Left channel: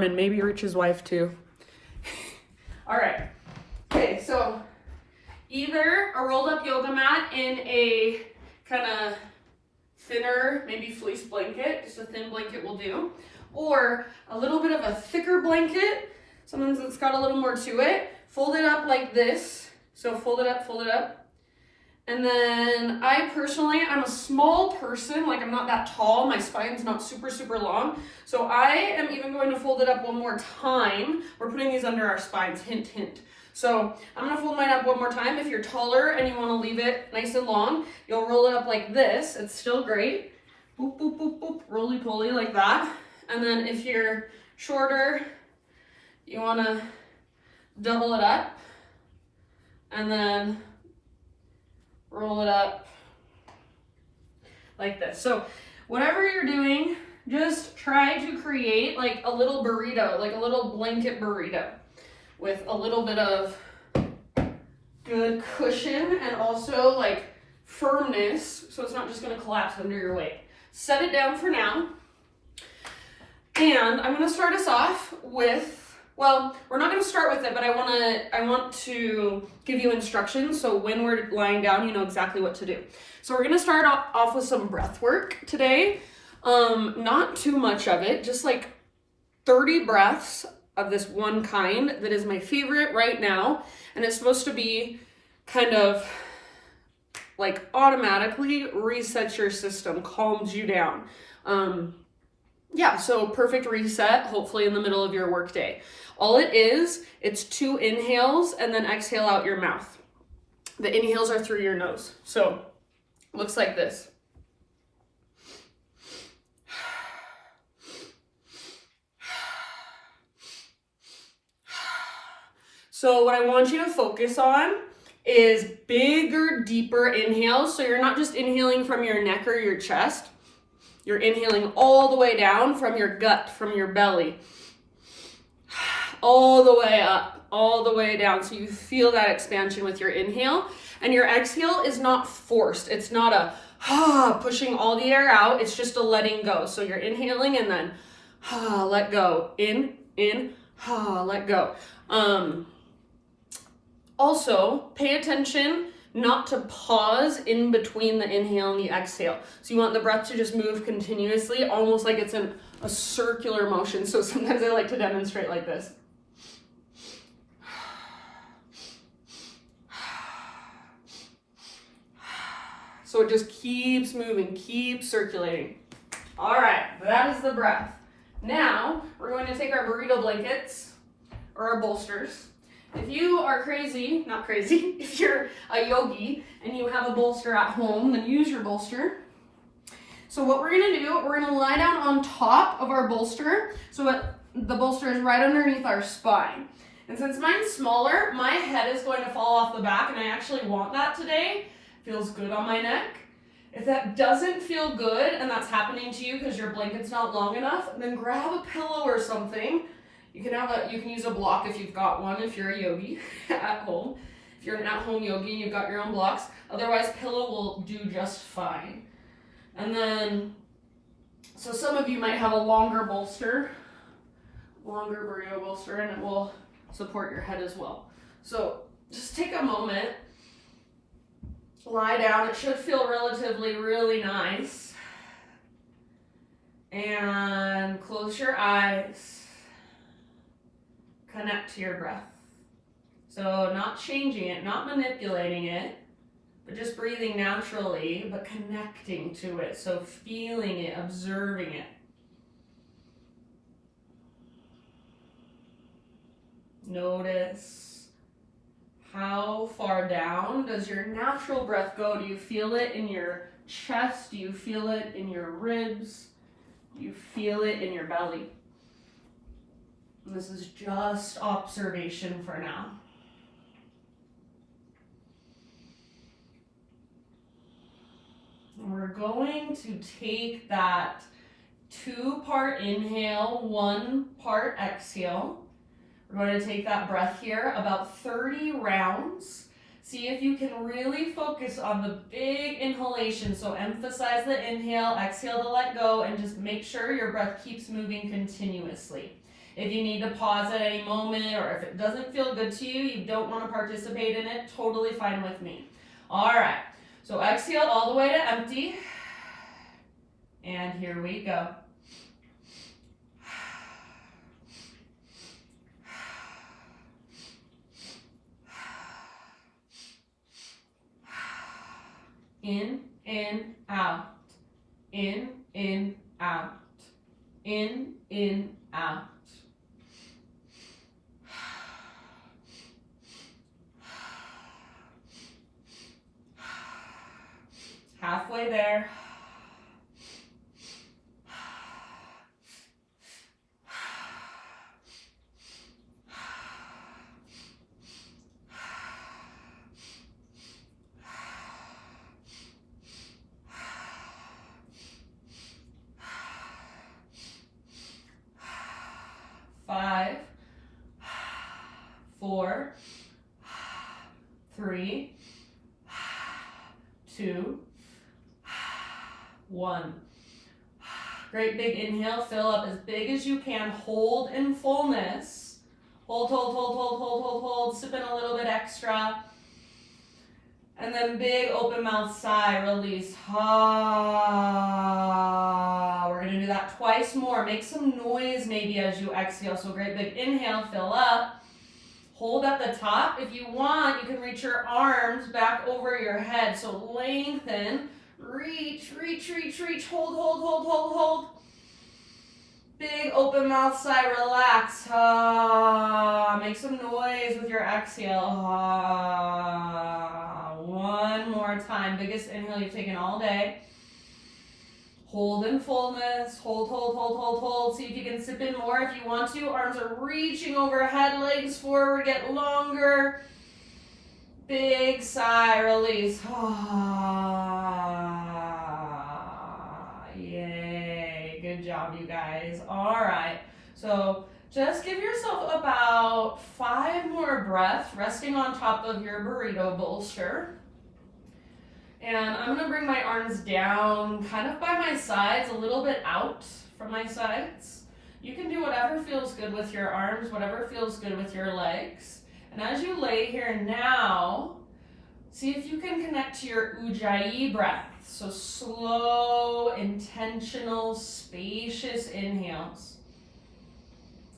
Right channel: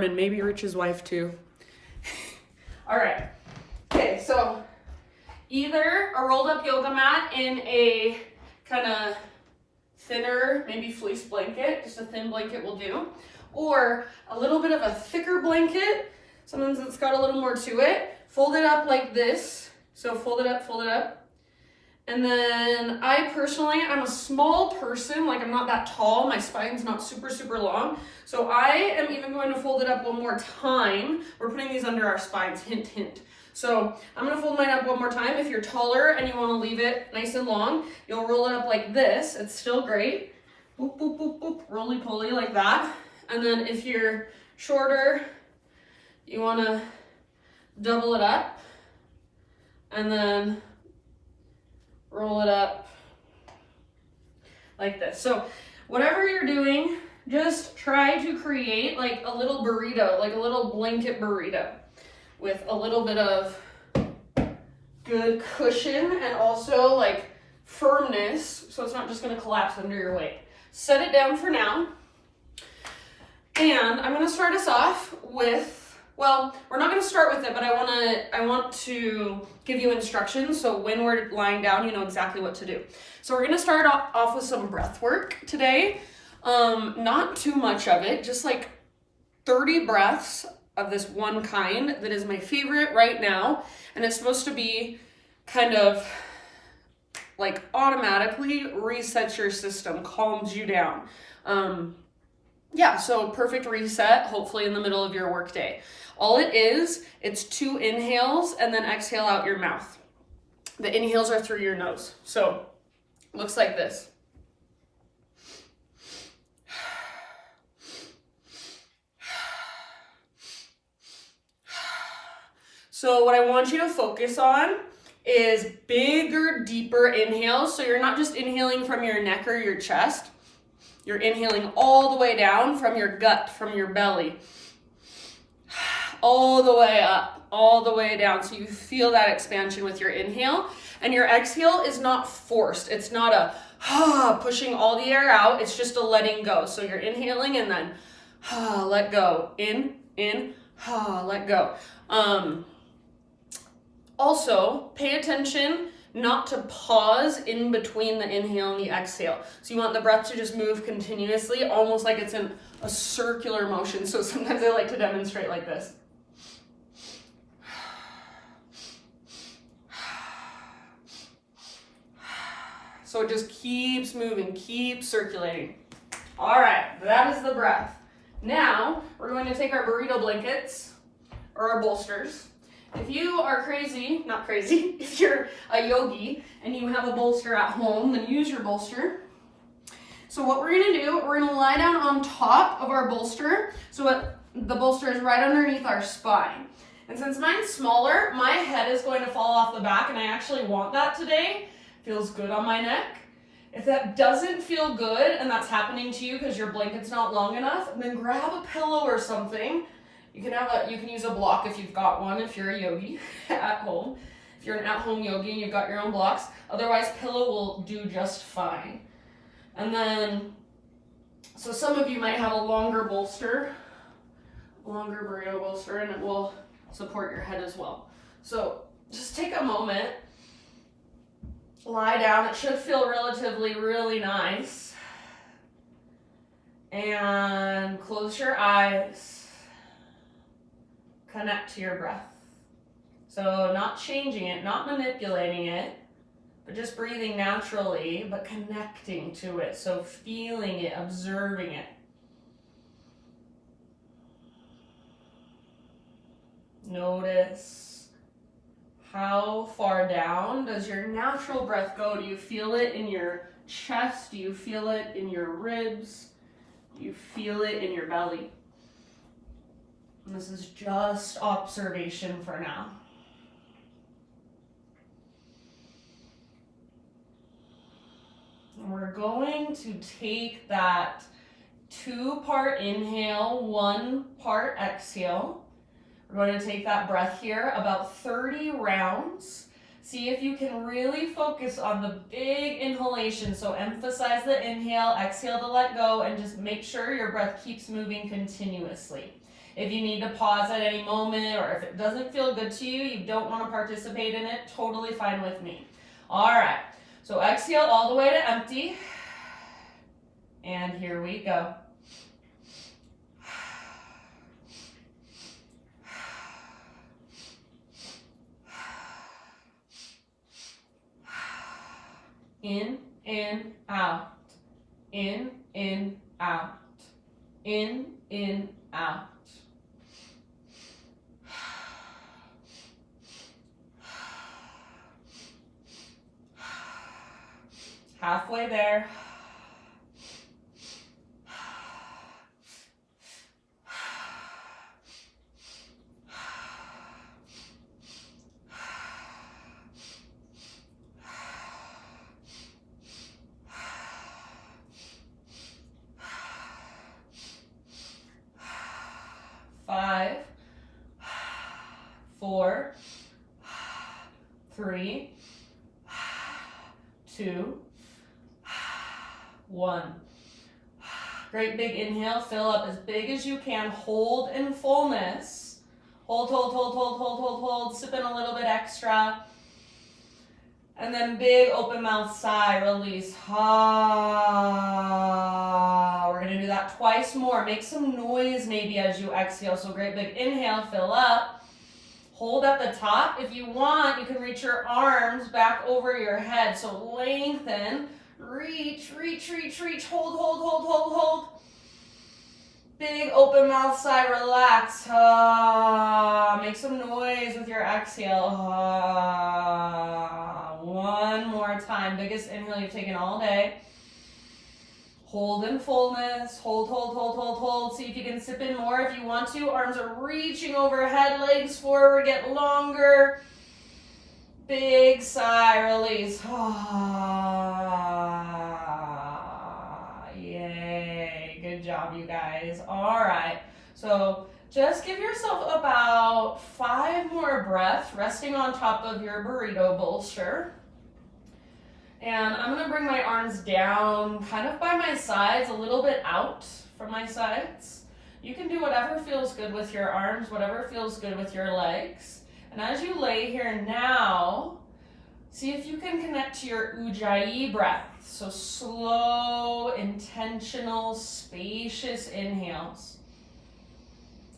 and maybe Rich's wife too. All right. Okay, so either a rolled up yoga mat in a kind of thinner, maybe fleece blanket, just a thin blanket will do, or a little bit of a thicker blanket, something that's got a little more to it. Fold it up like this. So fold it up. And then I personally, I'm a small person, like I'm not that tall, my spine's not super, super long. So I am even going to fold it up one more time. We're putting these under our spines, hint, hint. So I'm gonna fold mine up one more time. If you're taller and you wanna leave it nice and long, you'll roll it up like this. It's still great. Boop, boop, boop, boop, roly-poly like that. And then if you're shorter, you wanna double it up and then roll it up like this. So whatever you're doing, just try to create like a little burrito, like a little blanket burrito with a little bit of good cushion and also like firmness, so it's not just going to collapse under your weight. Set it down for now. And I'm going to start us off with, well, we're not going to start with it, but I want to give you instructions so when we're lying down, you know exactly what to do. So we're going to start off with some breath work today. Not too much of it, just like 30 breaths of this one kind that is my favorite right now. And it's supposed to be kind of like automatically resets your system, calms you down. Yeah, so perfect reset, hopefully in the middle of your workday. All it is, it's 2 inhales and then exhale out your mouth. The inhales are through your nose. So, looks like this. So what I want you to focus on is bigger, deeper inhales. So you're not just inhaling from your neck or your chest. You're inhaling all the way down from your gut, from your belly, all the way up, all the way down. So you feel that expansion with your inhale. And your exhale is not forced. It's not a pushing all the air out. It's just a letting go. So you're inhaling and then let go. In, let go. Also, pay attention not to pause in between the inhale and the exhale. So you want the breath to just move continuously, almost like it's in a circular motion. So sometimes I like to demonstrate like this. So it just keeps moving, keeps circulating. All right, that is the breath. Now, we're going to take our burrito blankets or our bolsters. If you are crazy, not crazy, if you're a yogi and you have a bolster at home, then use your bolster. So what we're gonna do, we're gonna lie down on top of our bolster. So the bolster is right underneath our spine. And since mine's smaller, my head is going to fall off the back, and I actually want that today. Feels good on my neck. If that doesn't feel good and that's happening to you because your blanket's not long enough, then grab a pillow or something. You can use a block if you've got one, if you're a yogi at home. If you're an at-home yogi and you've got your own blocks. Otherwise, pillow will do just fine. And then, so some of you might have a longer bolster, longer burrito bolster, and it will support your head as well. So just take a moment, lie down. It should feel relatively really nice. And close your eyes. Connect to your breath. So not changing it, not manipulating it, but just breathing naturally, but connecting to it. So feeling it, observing it. Notice how far down does your natural breath go? Do you feel it in your chest? Do you feel it in your ribs? Do you feel it in your belly? And this is just observation for now. And we're going to take that 2-part inhale, 1-part exhale. We're going to take that breath here about 30 rounds. See if you can really focus on the big inhalation. So emphasize the inhale, exhale to let go, and just make sure your breath keeps moving continuously. If you need to pause at any moment, or if it doesn't feel good to you, you don't want to participate in it, totally fine with me. All right, so exhale all the way to empty. And here we go. In, out. In, out. In, out. Halfway there. Five, 4, 3, 2, 1. Great big inhale, fill up as big as you can, hold in fullness. Hold, hold, hold, hold, hold, hold, hold, sip in a little bit extra. And then big open mouth sigh, release. Ha. We're gonna do that twice more. Make some noise maybe as you exhale. So great big inhale, fill up. Hold at the top. If you want, you can reach your arms back over your head. So lengthen, reach, reach, reach, reach. Hold, hold, hold, hold, hold. Big open mouth sigh, relax. Make some noise with your exhale. One more time. Biggest inhale you've taken all day. Hold in fullness. Hold, hold, hold, hold, hold. See if you can sip in more if you want to. Arms are reaching overhead, legs forward, get longer. Big sigh, release. Yay. Good job, you guys. All right. So just give yourself about 5 more breaths, resting on top of your burrito bolster. And I'm gonna bring my arms down kind of by my sides, a little bit out from my sides. You can do whatever feels good with your arms, whatever feels good with your legs. And as you lay here now, see if you can connect to your Ujjayi breath. So slow, intentional, spacious inhales.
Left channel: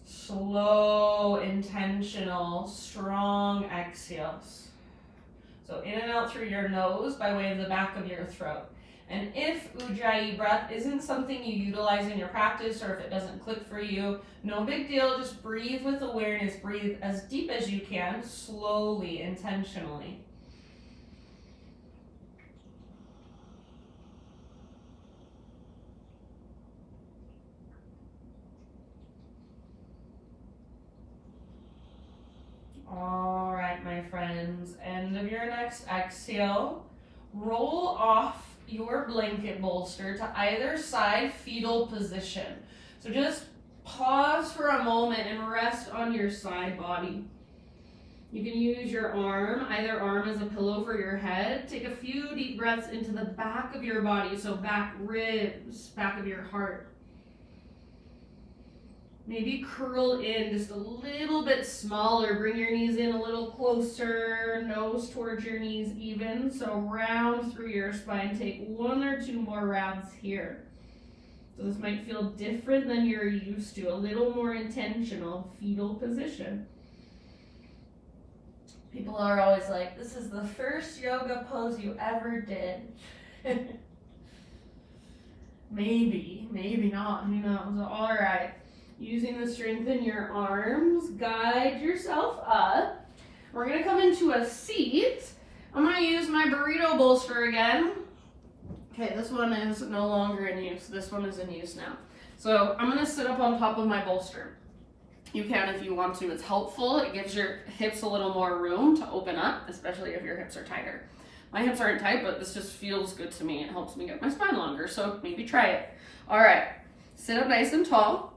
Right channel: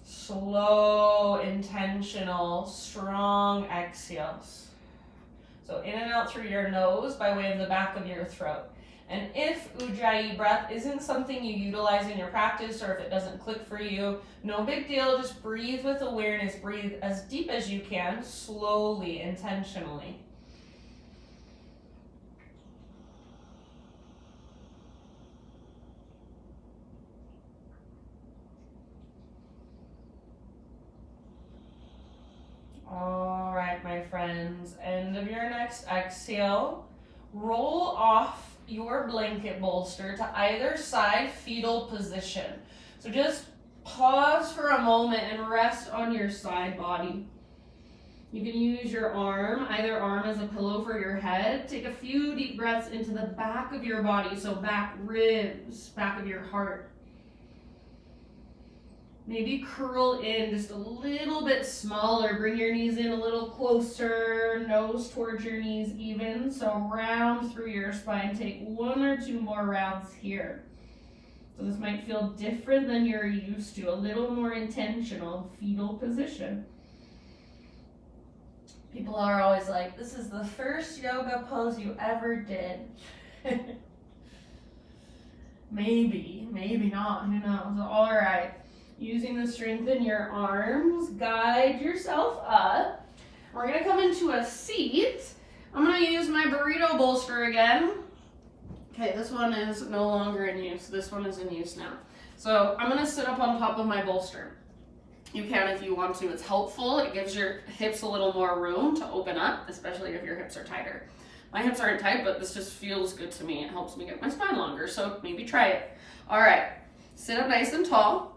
Slow, intentional, strong exhales. So in and out through your nose by way of the back of your throat. And if Ujjayi breath isn't something you utilize in your practice, or if it doesn't click for you, no big deal. Just breathe with awareness. Breathe as deep as you can, slowly, intentionally. All right, my friends, end of your next exhale. Roll off your blanket bolster to either side, fetal position. So just pause for a moment and rest on your side body. You can use your arm, either arm as a pillow for your head. Take a few deep breaths into the back of your body, so back ribs, back of your heart. Maybe curl in just a little bit smaller. Bring your knees in a little closer, nose towards your knees even. So round through your spine. Take 1 or 2 more rounds here. So this might feel different than you're used to, a little more intentional, fetal position. People are always like, this is the first yoga pose you ever did. Maybe, maybe not, who knows? All right. Using the strength in your arms, guide yourself up. We're gonna come into a seat. I'm gonna use my burrito bolster again. Okay, this one is no longer in use. This one is in use now. So I'm gonna sit up on top of my bolster. You can if you want to. It's helpful. It gives your hips a little more room to open up, especially if your hips are tighter. My hips aren't tight, but this just feels good to me. It helps me get my spine longer, so maybe try it. All right, sit up nice and tall.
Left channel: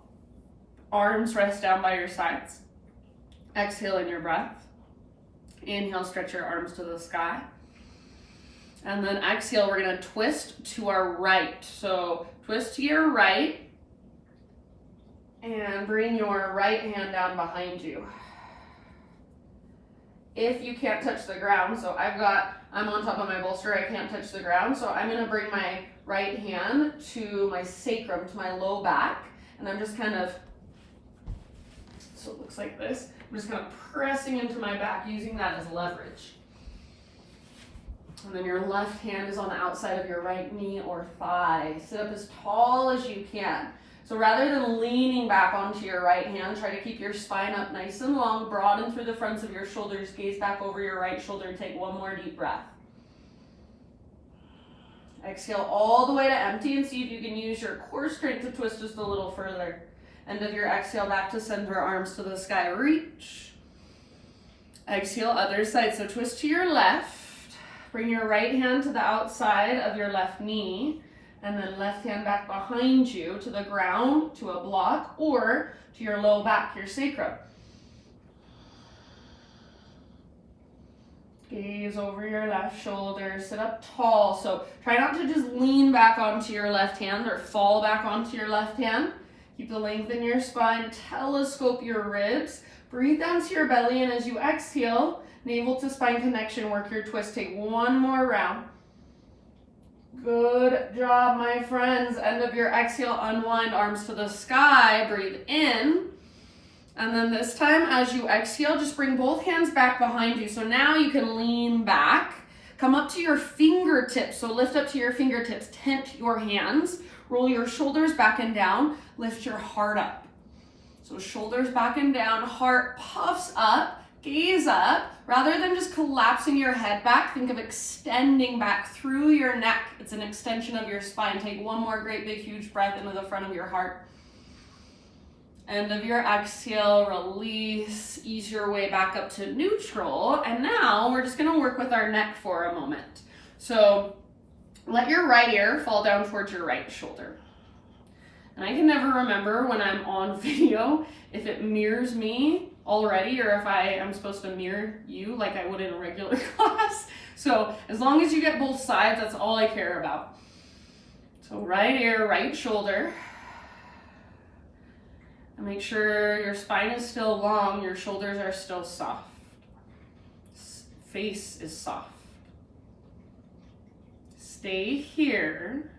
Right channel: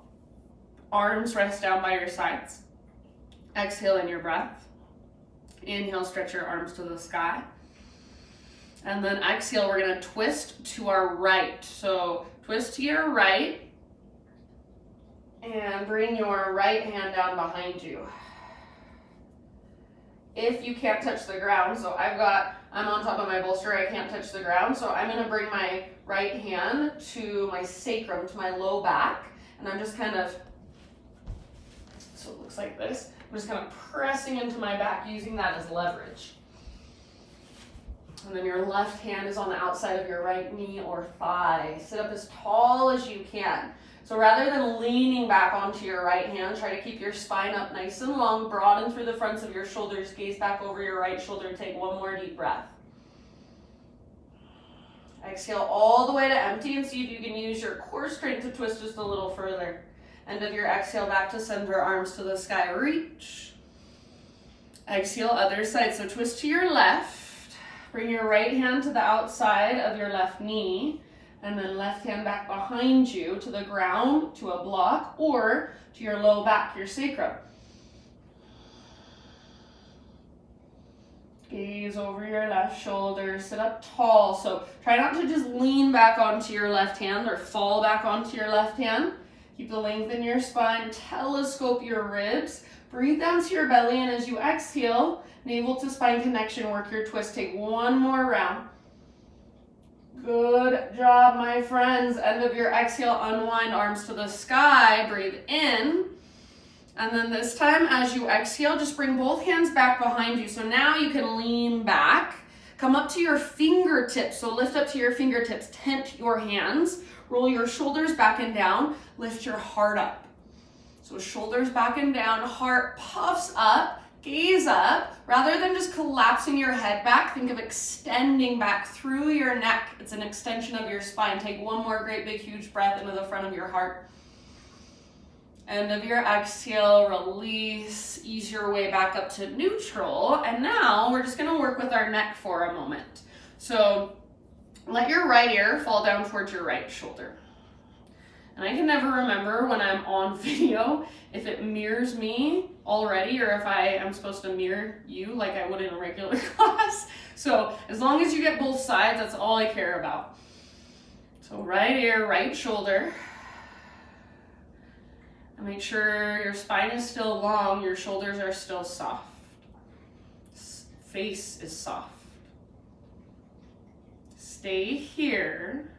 Arms rest down by your sides. Exhale in your breath. Inhale, stretch your arms to the sky. And then exhale, we're gonna twist to our right. So twist to your right. And bring your right hand down behind you. If you can't touch the ground, so I'm on top of my bolster, I can't touch the ground, so I'm gonna bring my right hand to my sacrum, to my low back, and I'm just kind of, so it looks like this, I'm just kind of pressing into my back, using that as leverage. And then your left hand is on the outside of your right knee or thigh. Sit up as tall as you can. So rather than leaning back onto your right hand, try to keep your spine up nice and long, broaden through the fronts of your shoulders, gaze back over your right shoulder, and take one more deep breath. Exhale all the way to empty and see if you can use your core strength to twist just a little further. End of your exhale back to center, arms to the sky, reach. Exhale, other side, so twist to your left. Bring your right hand to the outside of your left knee. And then left hand back behind you to the ground, to a block, or to your low back, your sacrum. Gaze over your left shoulder, sit up tall. So try not to just lean back onto your left hand or fall back onto your left hand. Keep the length in your spine, telescope your ribs. Breathe down to your belly, and as you exhale, navel to spine connection, work your twist. Take one more round. Good job, my friends. End of your exhale, unwind, arms to the sky, breathe in. And then this time, as you exhale, just bring both hands back behind you. So now you can lean back, come up to your fingertips. So lift up to your fingertips, tent your hands, roll your shoulders back and down, lift your heart up. So shoulders back and down, heart puffs up, gaze up. Rather than just collapsing your head back, think of extending back through your neck. It's an extension of your spine. Take one more great big huge breath into the front of your heart. End of your exhale, release, ease your way back up to neutral. And now we're just gonna work with our neck for a moment. So let your right ear fall down towards your right shoulder. And I can never remember when I'm on video if it mirrors me already or if I am supposed to mirror you like I would in a regular class. So as long as you get both sides, that's all I care about. So right ear, right shoulder. And make sure your spine is still long, your shoulders are still soft. Face is soft. Stay here.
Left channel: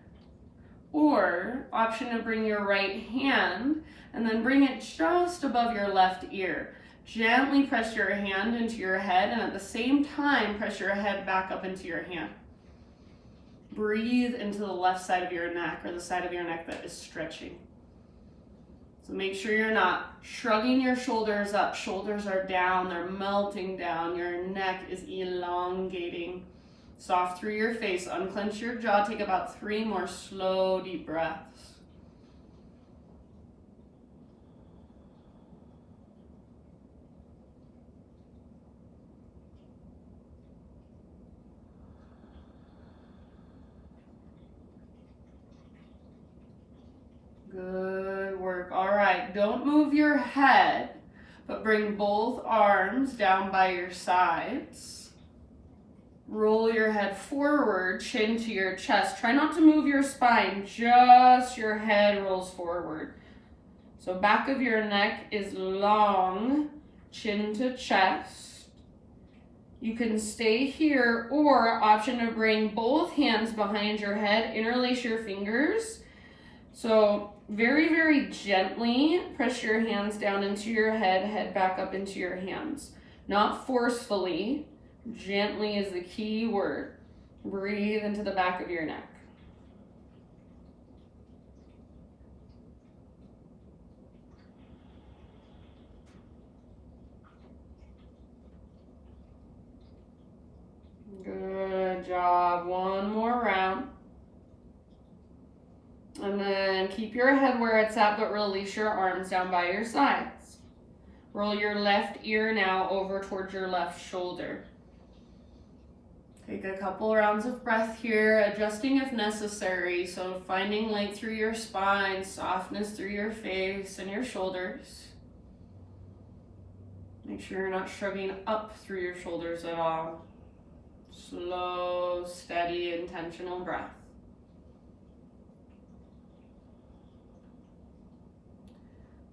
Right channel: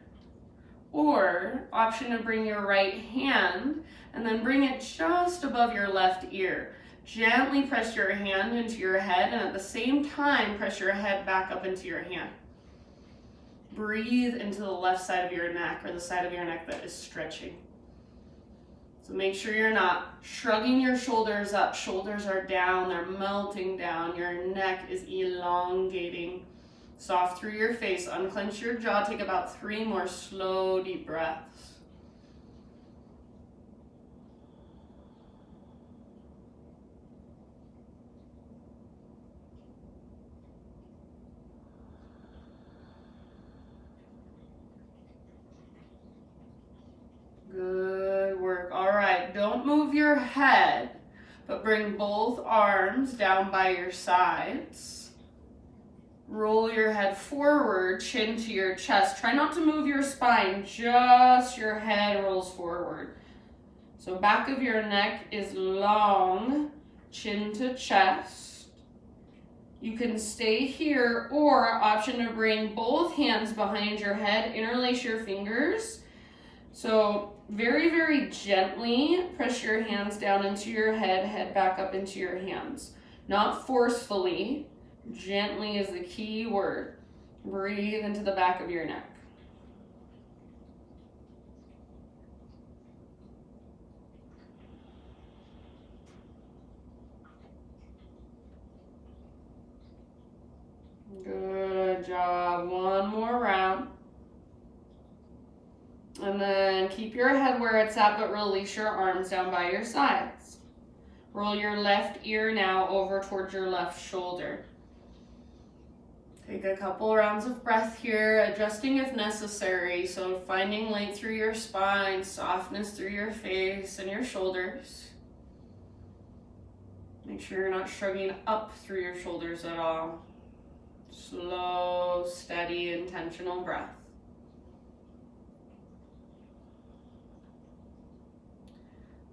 Or option to bring your right hand and then bring it just above your left ear. Gently press your hand into your head and at the same time press your head back up into your hand. Breathe into the left side of your neck or the side of your neck that is stretching. So make sure you're not shrugging your shoulders up. Shoulders are down, they're melting down. Your neck is elongating. Soft through your face, unclench your jaw, take about 3 more slow, deep breaths. Good work. All right, don't move your head, but bring both arms down by your sides. Roll your head forward, chin to your chest. Try not to move your spine, just your head rolls forward. So back of your neck is long, chin to chest. You can stay here or option to bring both hands behind your head, interlace your fingers. So very, very gently press your hands down into your head, head back up into your hands. Not forcefully. Gently is the key word. Breathe into the back of your neck. Good job. One more round. And then keep your head where it's at, but release your arms down by your sides. Roll your left ear now over towards your left shoulder. Take a couple rounds of breath here, adjusting if necessary. So finding length through your spine, softness through your face and your shoulders. Make sure you're not shrugging up through your shoulders at all. Slow, steady, intentional breath.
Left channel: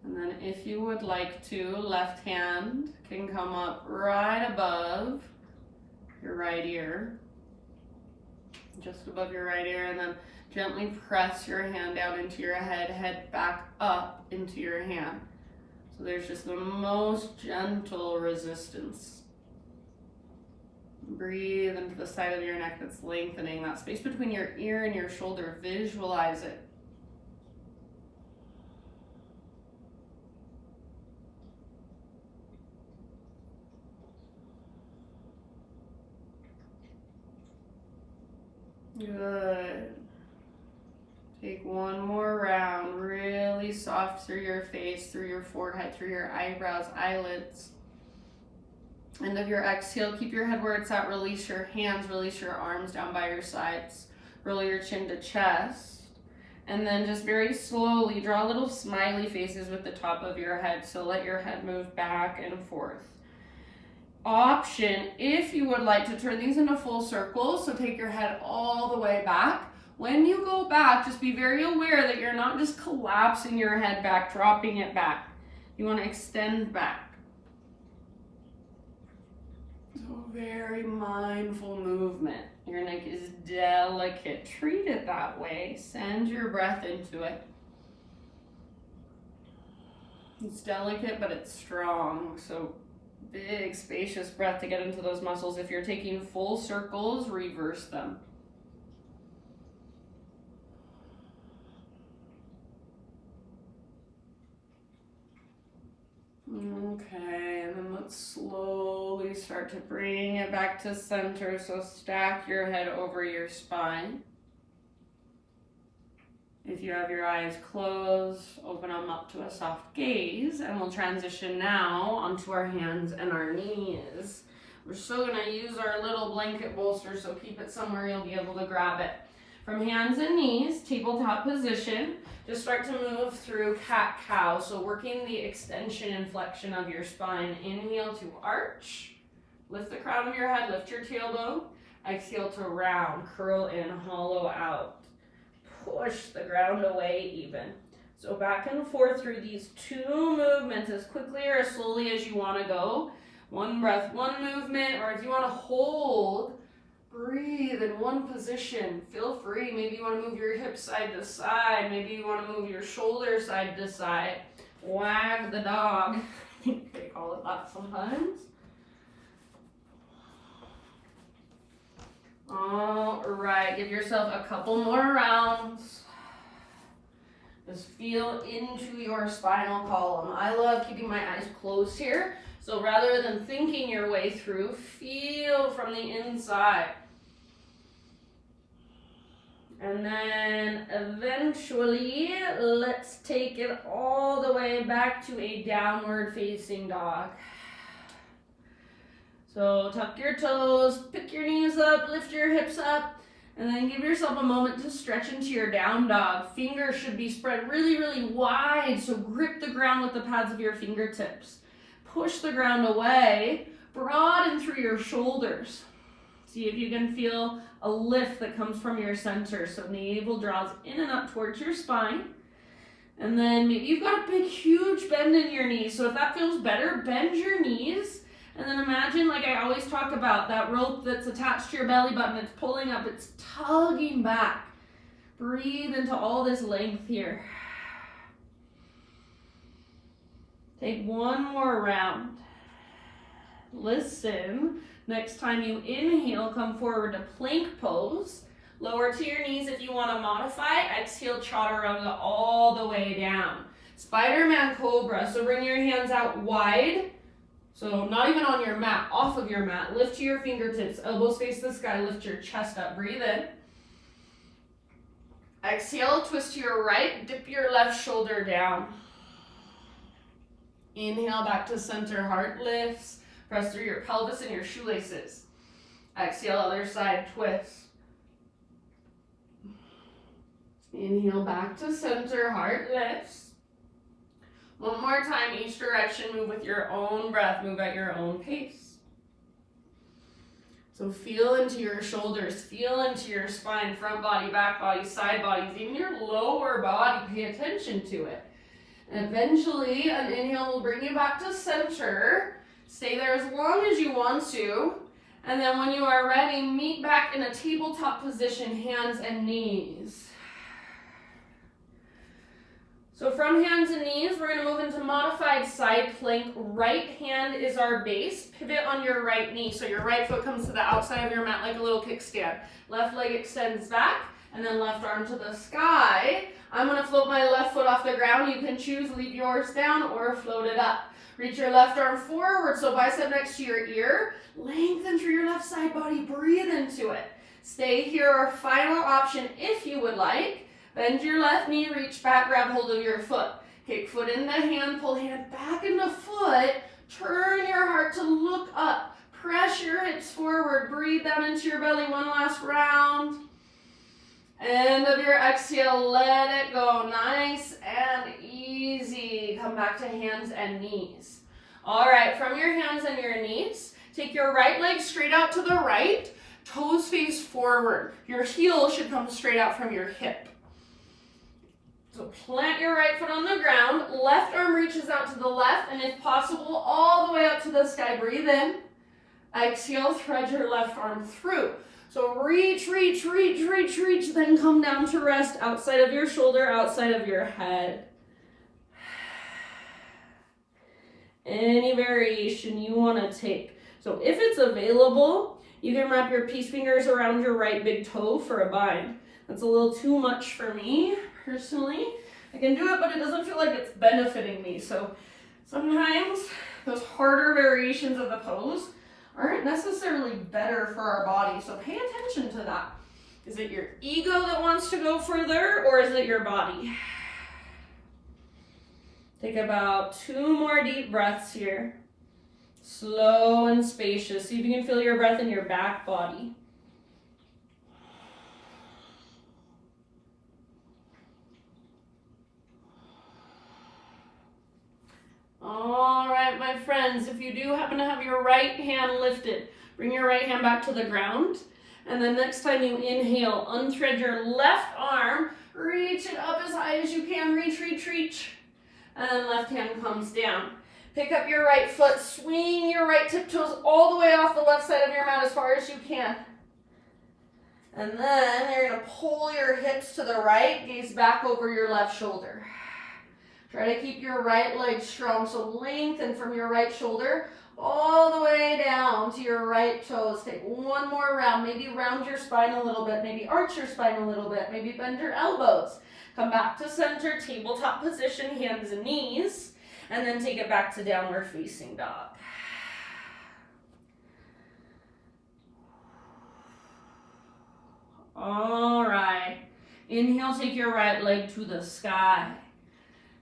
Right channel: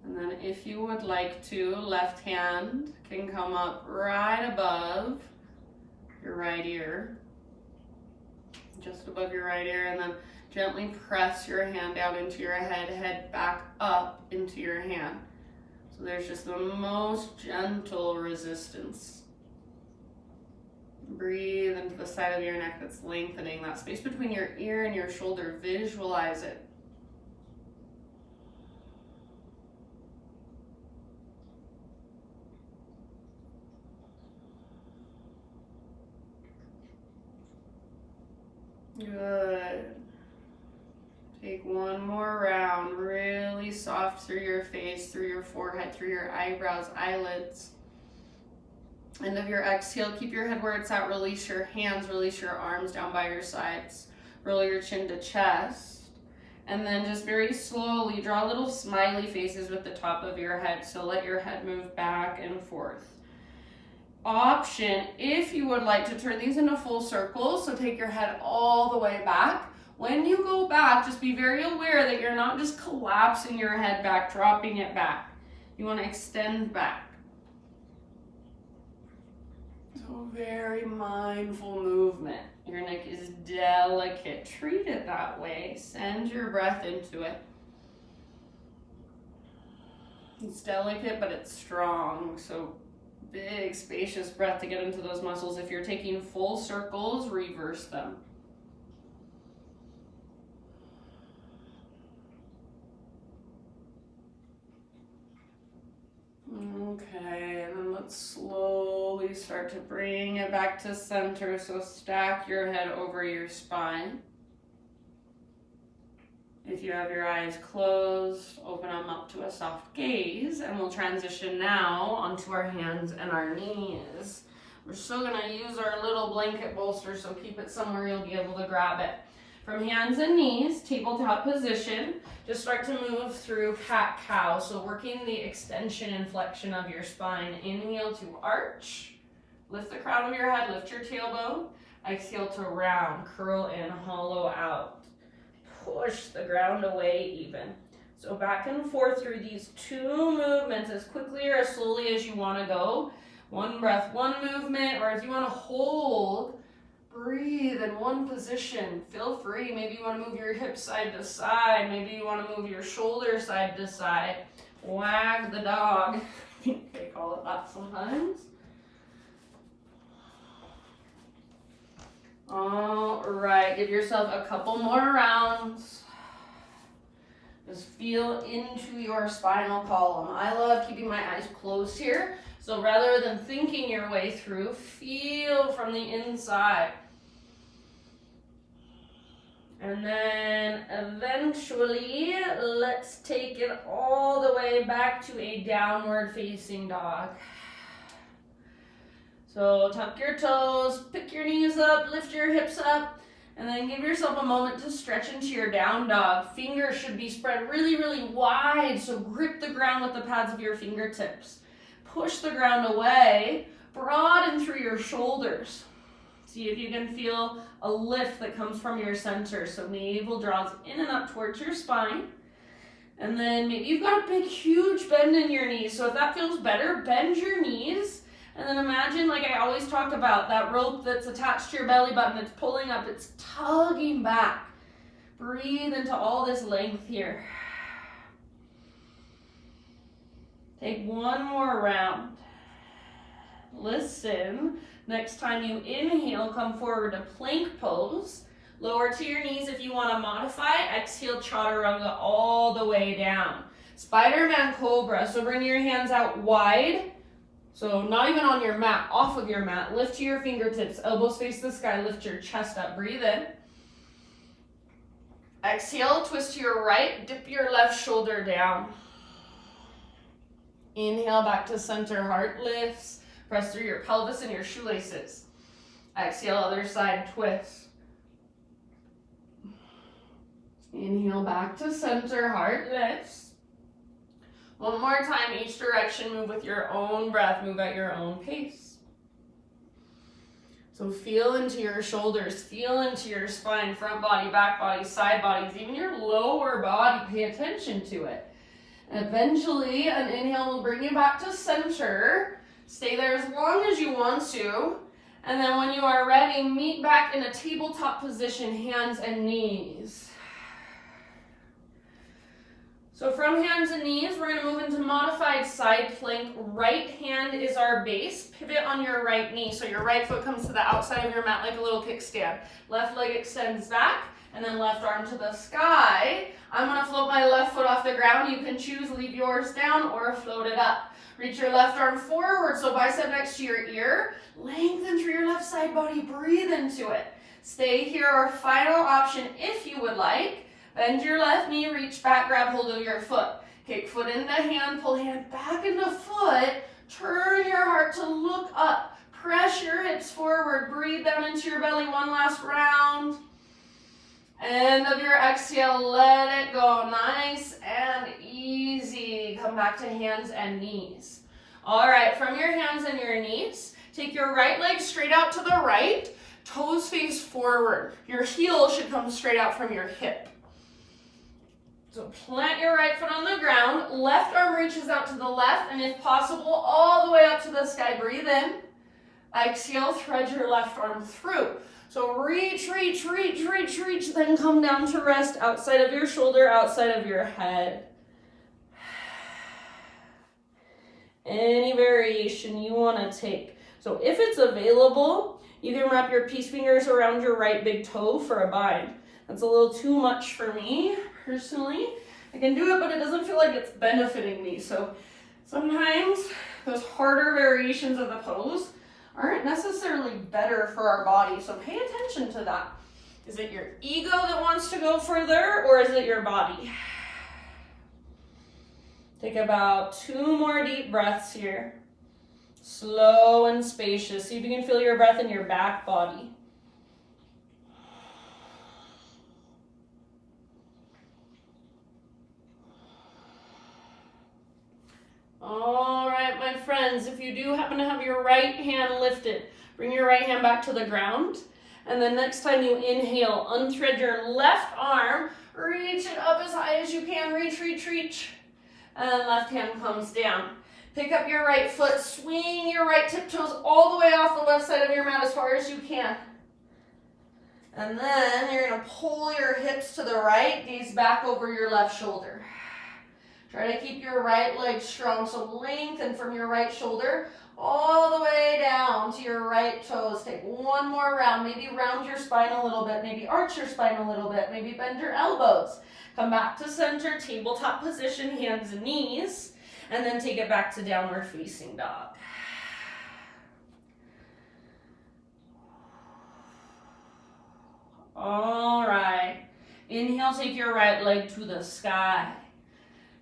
And if you would like to, left hand can come up right above your right ear, just above your right ear, and then gently press your hand out into your head, head back up into your hand. So there's just the most gentle resistance. Breathe into the side of your neck that's lengthening, that space between your ear and your shoulder. Visualize it. Good. Take one more round, really soft through your face, through your forehead, through your eyebrows, eyelids. End of your exhale, keep your head where it's at, release your hands, release your arms down by your sides, roll your chin to chest, and then just very slowly draw little smiley faces with the top of your head, so let your head move back and forth. Option, if you would like to turn these into full circles, so take your head all the way back. When you go back, just be very aware that you're not just collapsing your head back, dropping it back. You want to extend back. So very mindful movement. Your neck is delicate. Treat it that way. Send your breath into it. It's delicate, but it's strong. So big, spacious breath to get into those muscles. If you're taking full circles, reverse them. Okay, and then let's slowly start to bring it back to center. So stack your head over your spine. If you have your eyes closed, open them up to a soft gaze, and we'll transition now onto our hands and our knees. We're still going to use our little blanket bolster, so keep it somewhere you'll be able to grab it. From hands and knees, tabletop position, just start to move through cat-cow. So working the extension and flexion of your spine. Inhale to arch, lift the crown of your head, lift your tailbone. Exhale to round, curl in, hollow out. Push the ground away even. So back and forth through these two movements as quickly or as slowly as you want to go. One breath, one movement, or if you want to hold, breathe in one position. Feel free. Maybe you want to move your hips side to side. Maybe you want to move your shoulder side to side. Wag the dog. I think they call it that sometimes. All right, give yourself a couple more rounds. Just feel into your spinal column. I love keeping my eyes closed here. So rather than thinking your way through, feel from the inside. And then eventually, let's take it all the way back to a downward facing dog. So tuck your toes, pick your knees up, lift your hips up, and then give yourself a moment to stretch into your down dog. Fingers should be spread really, really wide, so grip the ground with the pads of your fingertips. Push the ground away, broaden through your shoulders. See if you can feel a lift that comes from your center. So navel draws in and up towards your spine. And then maybe you've got a big, huge bend in your knees. So if that feels better, bend your knees. And then imagine, like I always talk about, that rope that's attached to your belly button, it's pulling up, it's tugging back. Breathe into all this length here. Take one more round. Listen. Next time you inhale, come forward to plank pose. Lower to your knees if you want to modify. Exhale, chaturanga all the way down. Spiderman Cobra. So bring your hands out wide. So not even on your mat, off of your mat. Lift to your fingertips. Elbows face the sky. Lift your chest up. Breathe in. Exhale, twist to your right. Dip your left shoulder down. Inhale back to center. Heart lifts. Press through your pelvis and your shoelaces. Exhale, other side, twist. Inhale back to center, heart lifts. One more time, each direction, move with your own breath, move at your own pace. So feel into your shoulders, feel into your spine, front body, back body, side bodies, even your lower body, pay attention to it. Eventually, an inhale will bring you back to center. Stay there as long as you want to. And then when you are ready, meet back in a tabletop position, hands and knees. So from hands and knees, we're going to move into modified side plank. Right hand is our base. Pivot on your right knee. So your right foot comes to the outside of your mat like a little kickstand. Left leg extends back, and then left arm to the sky. I'm going to float my left foot off the ground. You can choose, leave yours down or float it up. Reach your left arm forward, so bicep next to your ear. Lengthen through your left side body. Breathe into it. Stay here. Our final option, if you would like. Bend your left knee, reach back, grab hold of your foot. Kick foot into hand, pull hand back into foot. Turn your heart to look up. Press your hips forward. Breathe down into your belly. One last round. End of your exhale, let it go. Nice and easy. Come back to hands and knees. All right, from your hands and your knees, take your right leg straight out to the right. Toes face forward. Your heel should come straight out from your hip. So plant your right foot on the ground, left arm reaches out to the left, and if possible, all the way up to the sky. Breathe in. Exhale, thread your left arm through. So reach, reach, reach, reach, reach, then come down to rest outside of your shoulder, outside of your head. Any variation you want to take. So if it's available, you can wrap your peace fingers around your right big toe for a bind. That's a little too much for me. Personally, I can do it, but it doesn't feel like it's benefiting me. So sometimes those harder variations of the pose aren't necessarily better for our body. So pay attention to that. Is it your ego that wants to go further, or is it your body? Take about 2 more deep breaths here. Slow and spacious. See if you can feel your breath in your back body. All right, my friends, if you do happen to have your right hand lifted, bring your right hand back to the ground. And then next time you inhale, unthread your left arm, reach it up as high as you can, reach, reach, reach. And then left hand comes down. Pick up your right foot, swing your right tiptoes all the way off the left side of your mat as far as you can. And then you're gonna pull your hips to the right, gaze back over your left shoulder. Try to keep your right leg strong, so lengthen from your right shoulder all the way down to your right toes. Take one more round, maybe round your spine a little bit, maybe arch your spine a little bit, maybe bend your elbows. Come back to center, tabletop position, hands and knees, and then take it back to downward facing dog. All right, inhale, take your right leg to the sky.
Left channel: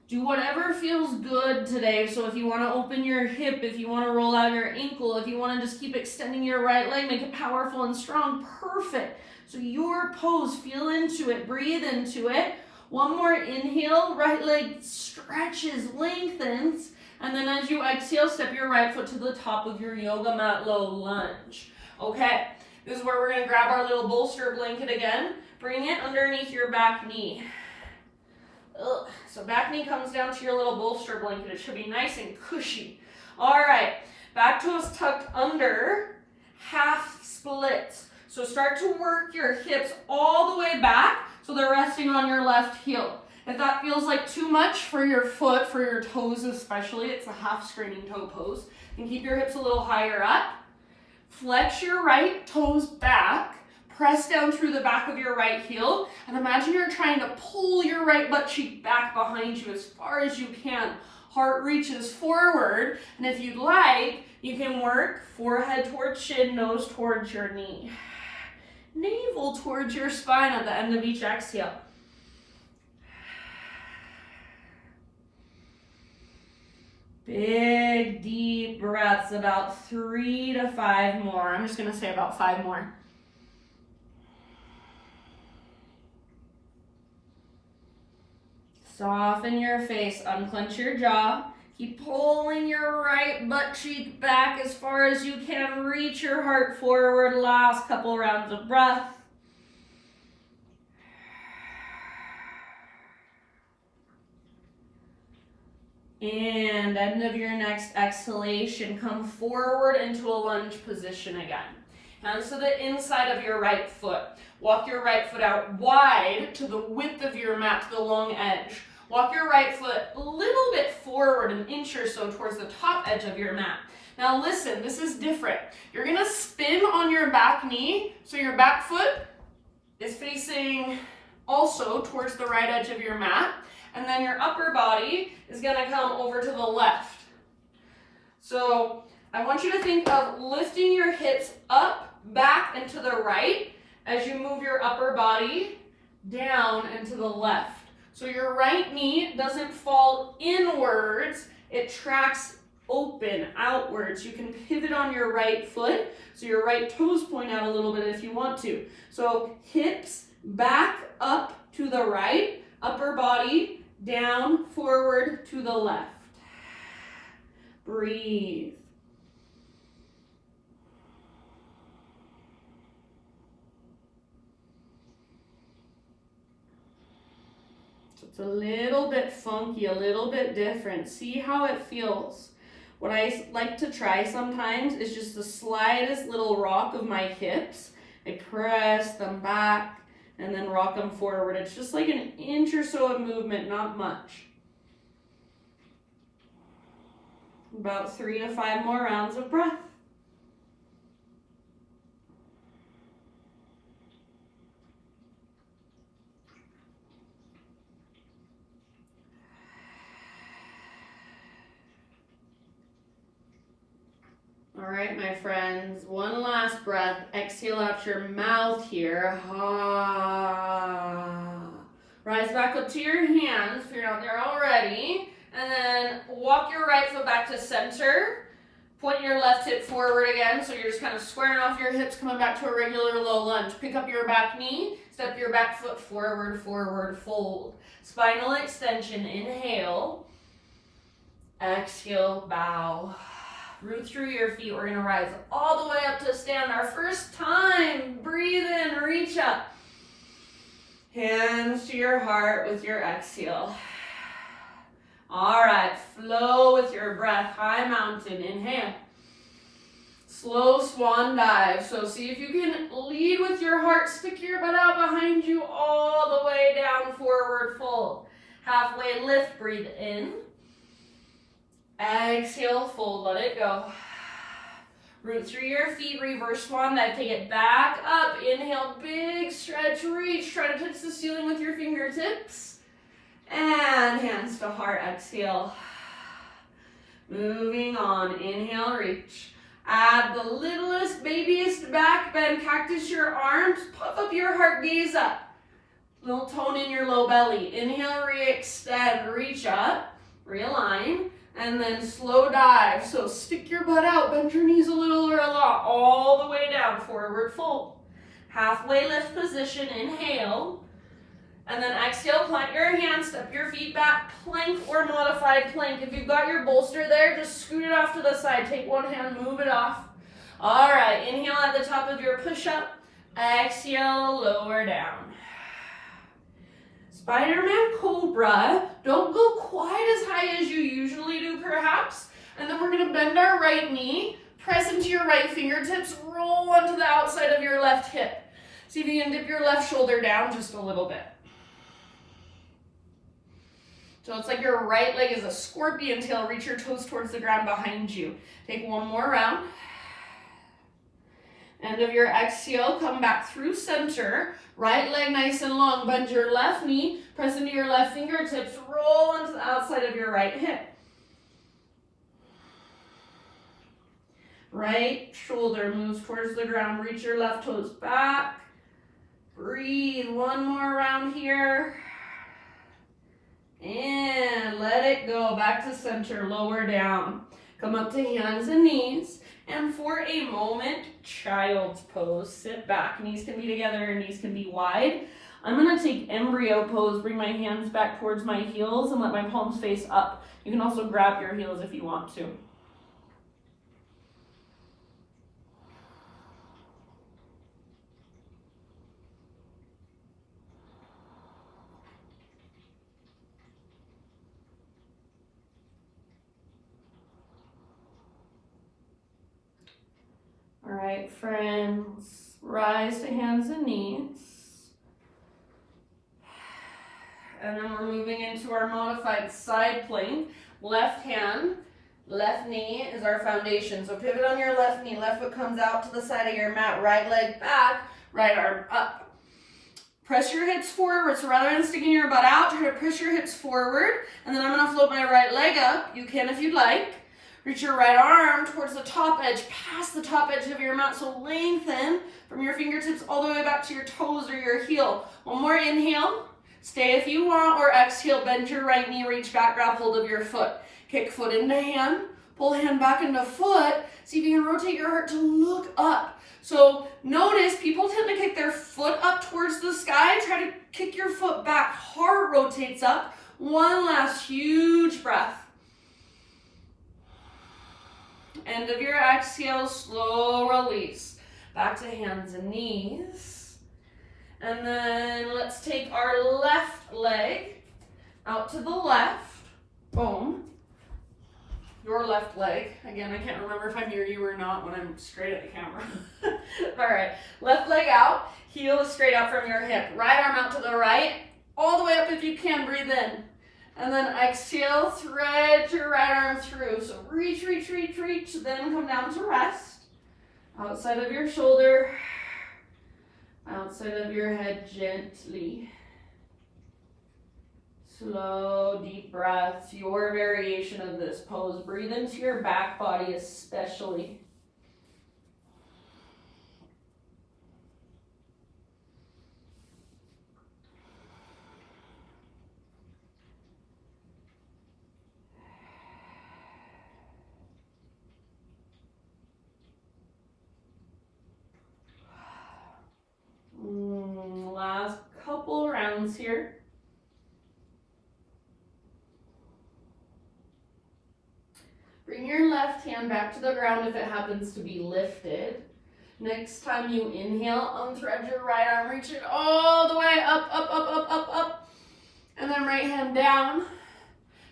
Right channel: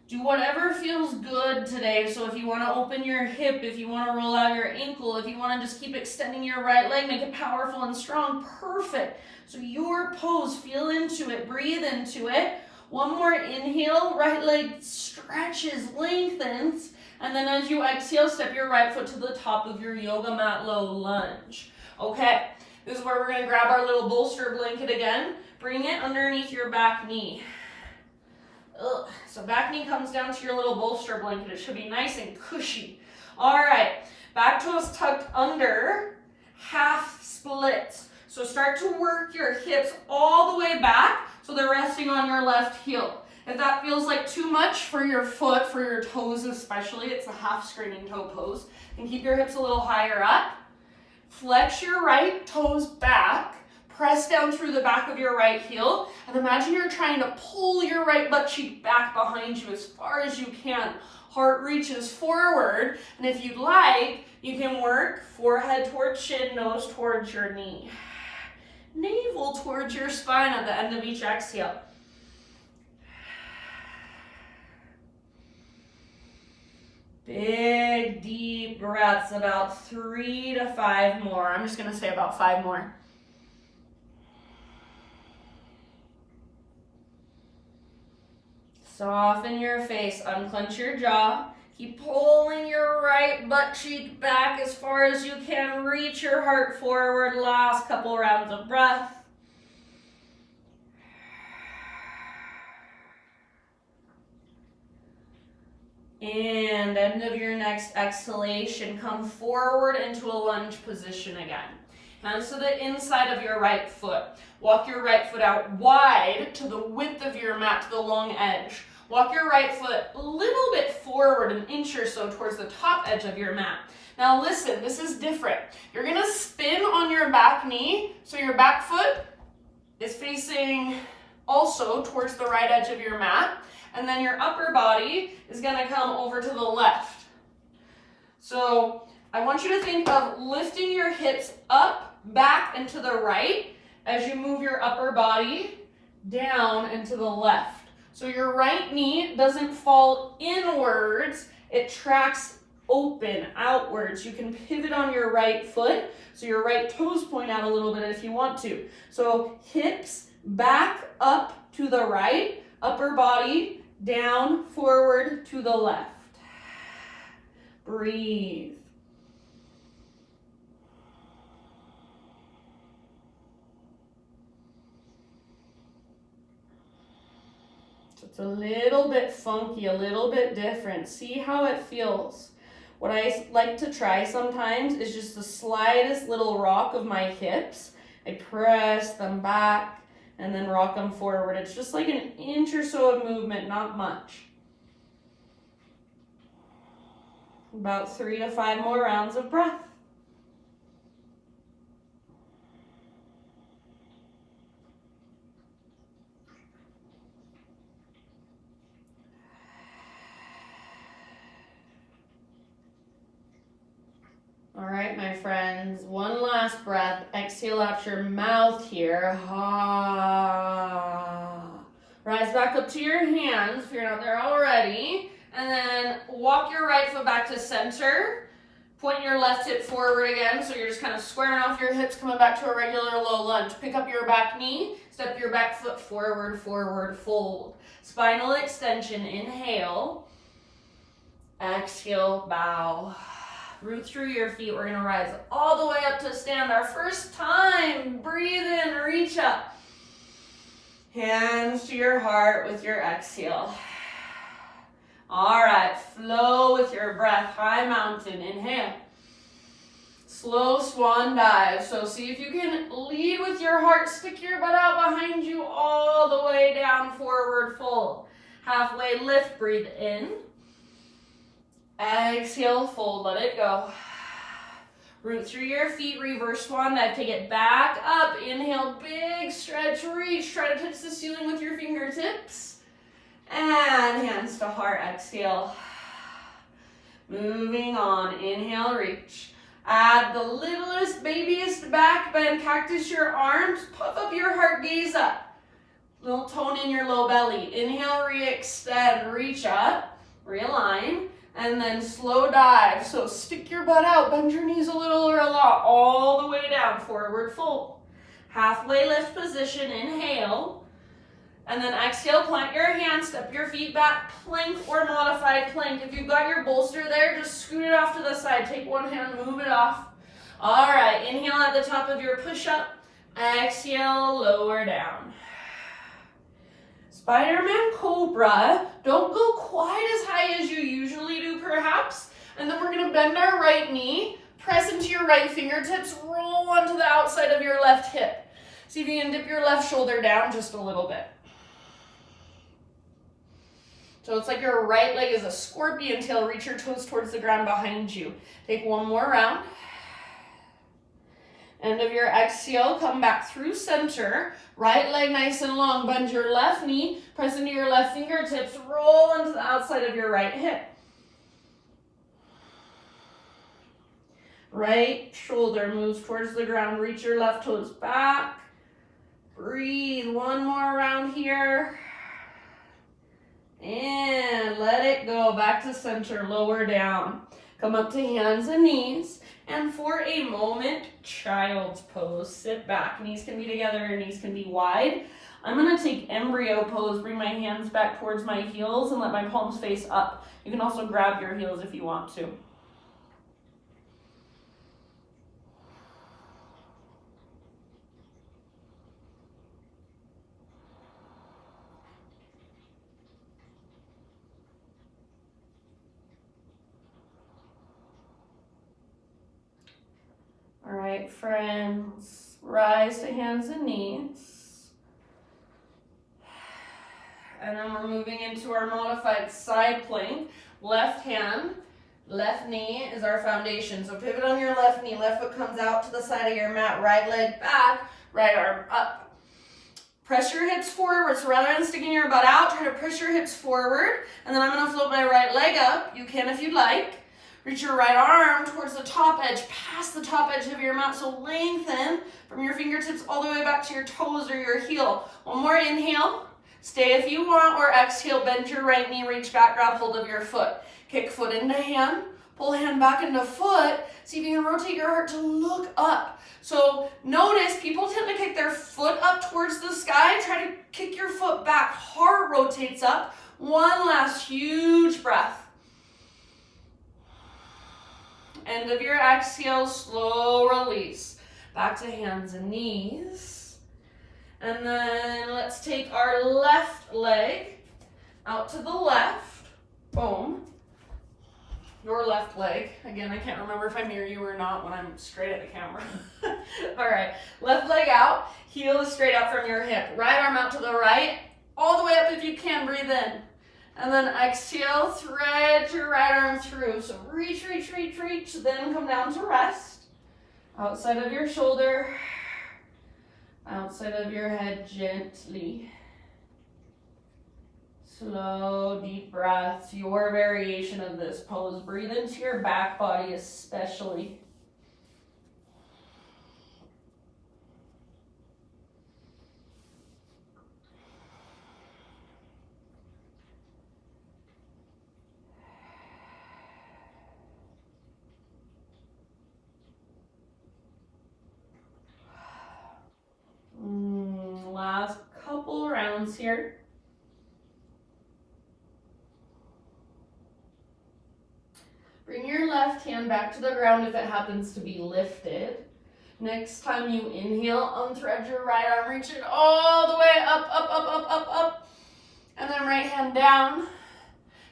Do whatever feels good today. So if you want to open your hip, if you want to roll out your ankle, if you want to just keep extending your right leg, make it powerful and strong, perfect. So your pose, feel into it, breathe into it. One more inhale, right leg stretches, lengthens, and then as you exhale, step your right foot to the top of your yoga mat, low lunge. Okay, this is where we're going to grab our little bolster blanket again. Bring it underneath your back knee. So back knee comes down to your little bolster blanket. It should be nice and cushy. All right, back toes tucked under, half splits. So start to work your hips all the way back so they're resting on your left heel. If that feels like too much for your foot, for your toes especially, it's a half straining toe pose. And keep your hips a little higher up. Flex your right toes back. Press down through the back of your right heel, and imagine you're trying to pull your right butt cheek back behind you as far as you can. Heart reaches forward, and if you'd like, you can work forehead towards chin, nose towards your knee. Navel towards your spine at the end of each exhale. Big, deep breaths, about 3 to 5 more. I'm just gonna say about 5 more. Soften your face, unclench your jaw. Keep pulling your right butt cheek back as far as you can. Reach your heart forward. Last couple rounds of breath. And end of your next exhalation, come forward into a lunge position again. Hands to the inside of your right foot. Walk your right foot out wide to the width of your mat, to the long edge. Walk your right foot a little bit forward, an inch or so towards the top edge of your mat. Now listen, this is different. You're gonna spin on your back knee, so your back foot is facing also towards the right edge of your mat, and then your upper body is gonna come over to the left. So I want you to think of lifting your hips up, back, and to the right as you move your upper body down and to the left. So your right knee doesn't fall inwards, it tracks open outwards. You can pivot on your right foot, so your right toes point out a little bit if you want to. So hips back up to the right, upper body down, forward to the left. Breathe. It's a little bit funky, a little bit different. See how it feels. What I like to try sometimes is just the slightest little rock of my hips. I press them back and then rock them forward. It's just like an inch or so of movement, not much. About 3 to 5 more rounds of breath. All right, my friends, one last breath. Exhale out your mouth here. Rise back up to your hands if you're not there already. And then walk your right foot back to center. Point your left hip forward again, so you're just kind of squaring off your hips, coming back to a regular low lunge. Pick up your back knee, step your back foot forward, forward, fold. Spinal extension, inhale. Exhale, bow. Root through your feet. We're going to rise all the way up to stand. Our first time. Breathe in, reach up. Hands to your heart with your exhale. All right, flow with your breath. High mountain, inhale. Slow swan dive. So see if you can lead with your heart. Stick your butt out behind you all the way down, forward fold. Halfway lift, breathe in. Exhale, fold, let it go. Root through your feet, reverse swan dive, take it back up. Inhale, big stretch, reach. Try to touch the ceiling with your fingertips. And hands to heart, exhale. Moving on, inhale, reach. Add the littlest, babiest back bend, cactus your arms, puff up your heart, gaze up. Little tone in your low belly. Inhale, re-extend, reach up, realign. And then slow dive. So stick your butt out, bend your knees a little or a lot, all the way down, forward fold. Halfway lift position, inhale. And then exhale, plant your hands, step your feet back, plank or modified plank. If you've got your bolster there, just scoot it off to the side. Take one hand, move it off. All right, inhale at the top of your push-up. Exhale, lower down. Spiderman Cobra. Don't go quite as high as you usually do, perhaps. And then we're going to bend our right knee, press into your right fingertips, roll onto the outside of your left hip. See if you can dip your left shoulder down just a little bit. So it's like your right leg is a scorpion tail. Reach your toes towards the ground behind you. Take one more round. End of your exhale, come back through center. Right leg nice and long. Bend your left knee, press into your left fingertips, roll into the outside of your right hip. Right shoulder moves towards the ground. Reach your left toes back. Breathe. One more round here. And let it go. Back to center, lower down. Come up to hands and knees. And for a moment, child's pose. Sit back. Knees can be together, knees can be wide. I'm going to take embryo pose, bring my hands back towards my heels and let my palms face up. You can also grab your heels if you want to. right, friends. Rise to hands and knees. And then we're moving into our modified side plank. Left hand, left knee is our foundation. So pivot on your left knee, left foot comes out to the side of your mat, right leg back, right arm up. Press your hips forward, so rather than sticking your butt out, try to push your hips forward, and then I'm gonna float my right leg up. You can if you'd like. Reach your right arm towards the top edge, past the top edge of your mat, so lengthen from your fingertips all the way back to your toes or your heel. One more inhale. Stay if you want, or exhale, bend your right knee, reach back, grab hold of your foot. Kick foot into hand, pull hand back into foot. See if you can rotate your heart to look up. So notice people tend to kick their foot up towards the sky. Try to kick your foot back, heart rotates up. One last huge breath. End of your exhale, slow release. Back to hands and knees. And then let's take our left leg out to the left. Boom. Your left leg. Again, I can't remember if I'm near you or not when I'm straight at the camera. All right, left leg out. Heel is straight out from your hip. Right arm out to the right. All the way up if you can, breathe in. And then exhale, thread your right arm through. So reach, reach, reach, reach. Then come down to rest. Outside of your shoulder. Outside of your head gently. Slow, deep breaths. Your variation of this pose. Breathe into your back body especially. Last couple rounds here. Bring your left hand back to the ground if it happens to be lifted. Next time you inhale, unthread your right arm, reach it all the way up, up, up, up, up, up. And then right hand down.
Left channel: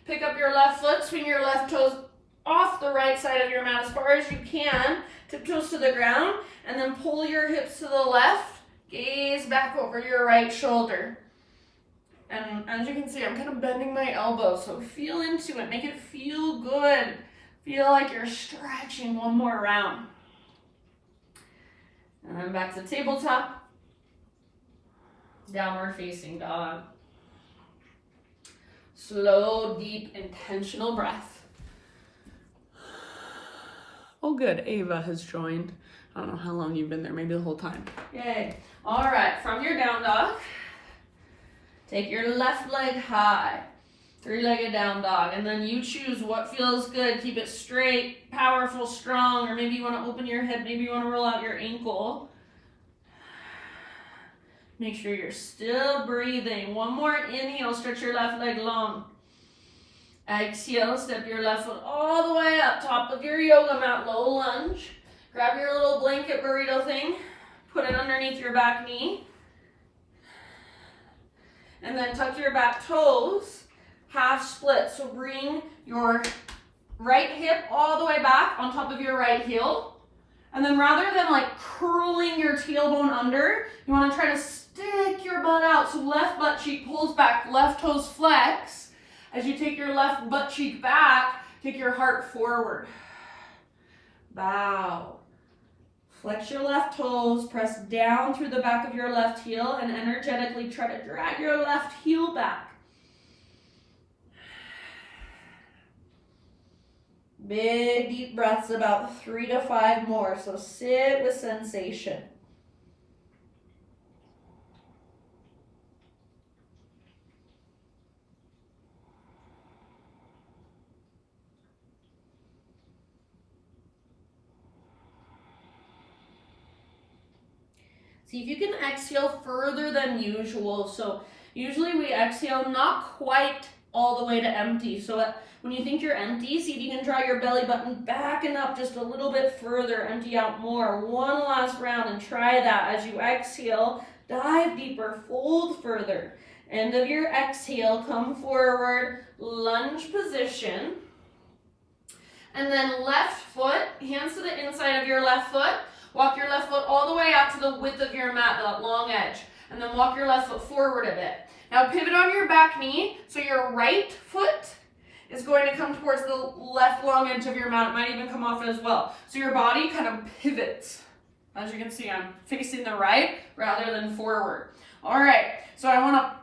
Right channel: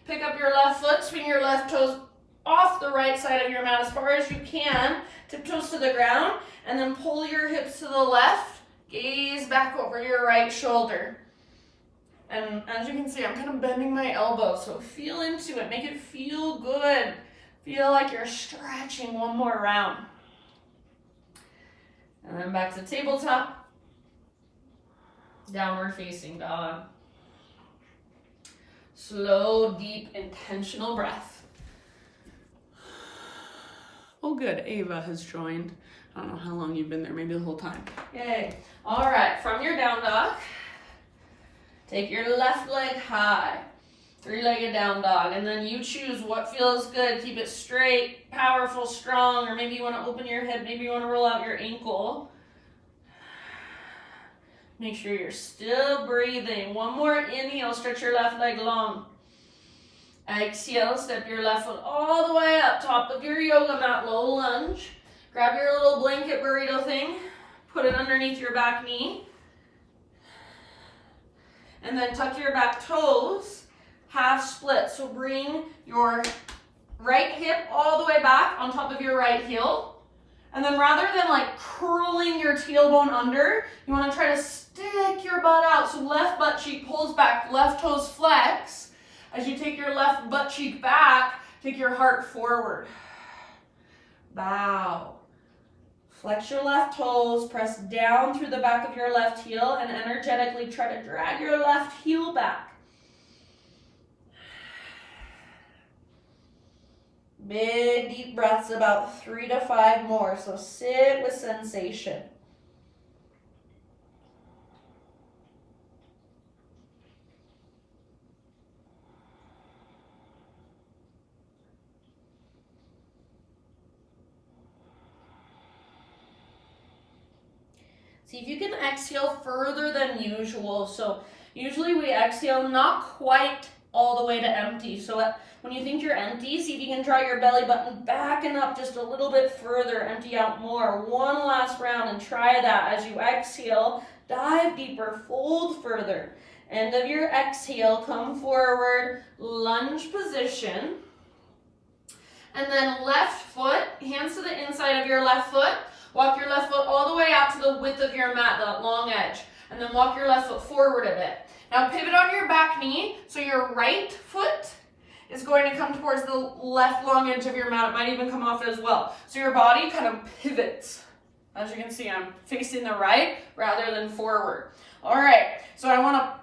Pick up your left foot, swing your left toes off the right side of your mat as far as you can. Tiptoes to the ground, and then pull your hips to the left. Gaze back over your right shoulder. And as you can see, I'm kind of bending my elbow, so feel into it. Make it feel good. Feel like you're stretching one more round. And then back to tabletop. Downward facing dog. Slow, deep, intentional breath. Oh good, Ava has joined. I don't know how long you've been there, maybe the whole time. Yay. All right, from your down dog, take your left leg high, three-legged down dog, and then you choose what feels good. Keep it straight, powerful, strong, or maybe you want to open your hip, maybe you want to roll out your ankle. Make sure you're still breathing. One more inhale, stretch your left leg long. Exhale, step your left foot all the way up, top of your yoga mat, low lunge. Grab your little blanket burrito thing, put it underneath your back knee, and then tuck your back toes, half split. So bring your right hip all the way back on top of your right heel, and then rather than like curling your tailbone under, you want to try to stick your butt out. So left butt cheek pulls back, left toes flex. As you take your left butt cheek back, take your heart forward. Bow. Flex your left toes, press down through the back of your left heel, and energetically try to drag your left heel back. Big deep breaths, about 3 to 5 more, so sit with sensation. See if you can exhale further than usual. So usually we exhale not quite all the way to empty. So when you think you're empty, see if you can draw your belly button back and up just a little bit further. Empty out more. One last round and try that. As you exhale, dive deeper, fold further. End of your exhale, come forward, lunge position. And then left foot, hands to the inside of your left foot. Walk your mat, that long edge. And then walk your left foot forward a bit. Now pivot on your back knee, so your right foot is going to come towards the left long edge of your mat. It might even come off as well. So your body kind of pivots. As you can see, I'm facing the right rather than forward. All right, so I want to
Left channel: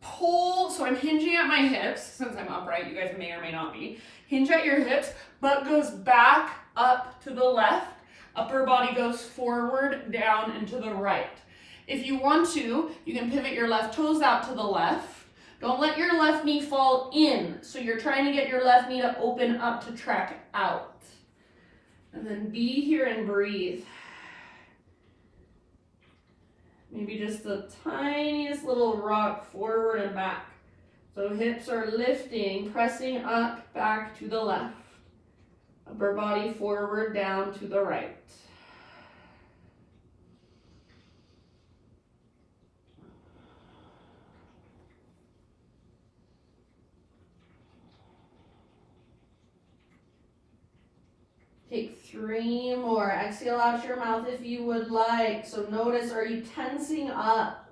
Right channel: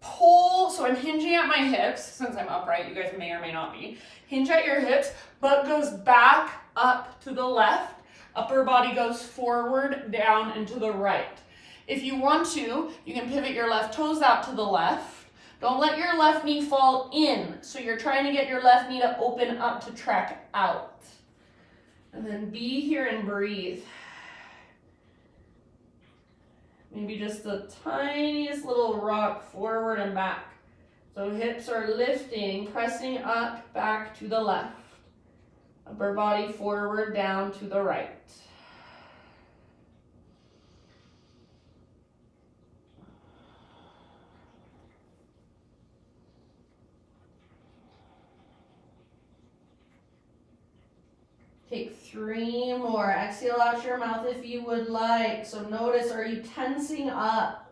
pull, so I'm hinging at my hips. Since I'm upright, you guys may or may not be. Hinge at your hips, butt goes back up to the left. Upper body goes forward, down, and to the right. If you want to, you can pivot your left toes out to the left. Don't let your left knee fall in. So you're trying to get your left knee to open up to track out. And then be here and breathe. Maybe just the tiniest little rock forward and back. So hips are lifting, pressing up, back to the left. Upper body forward, down to the right. Take 3 more. Exhale out your mouth if you would like. So notice, are you tensing up?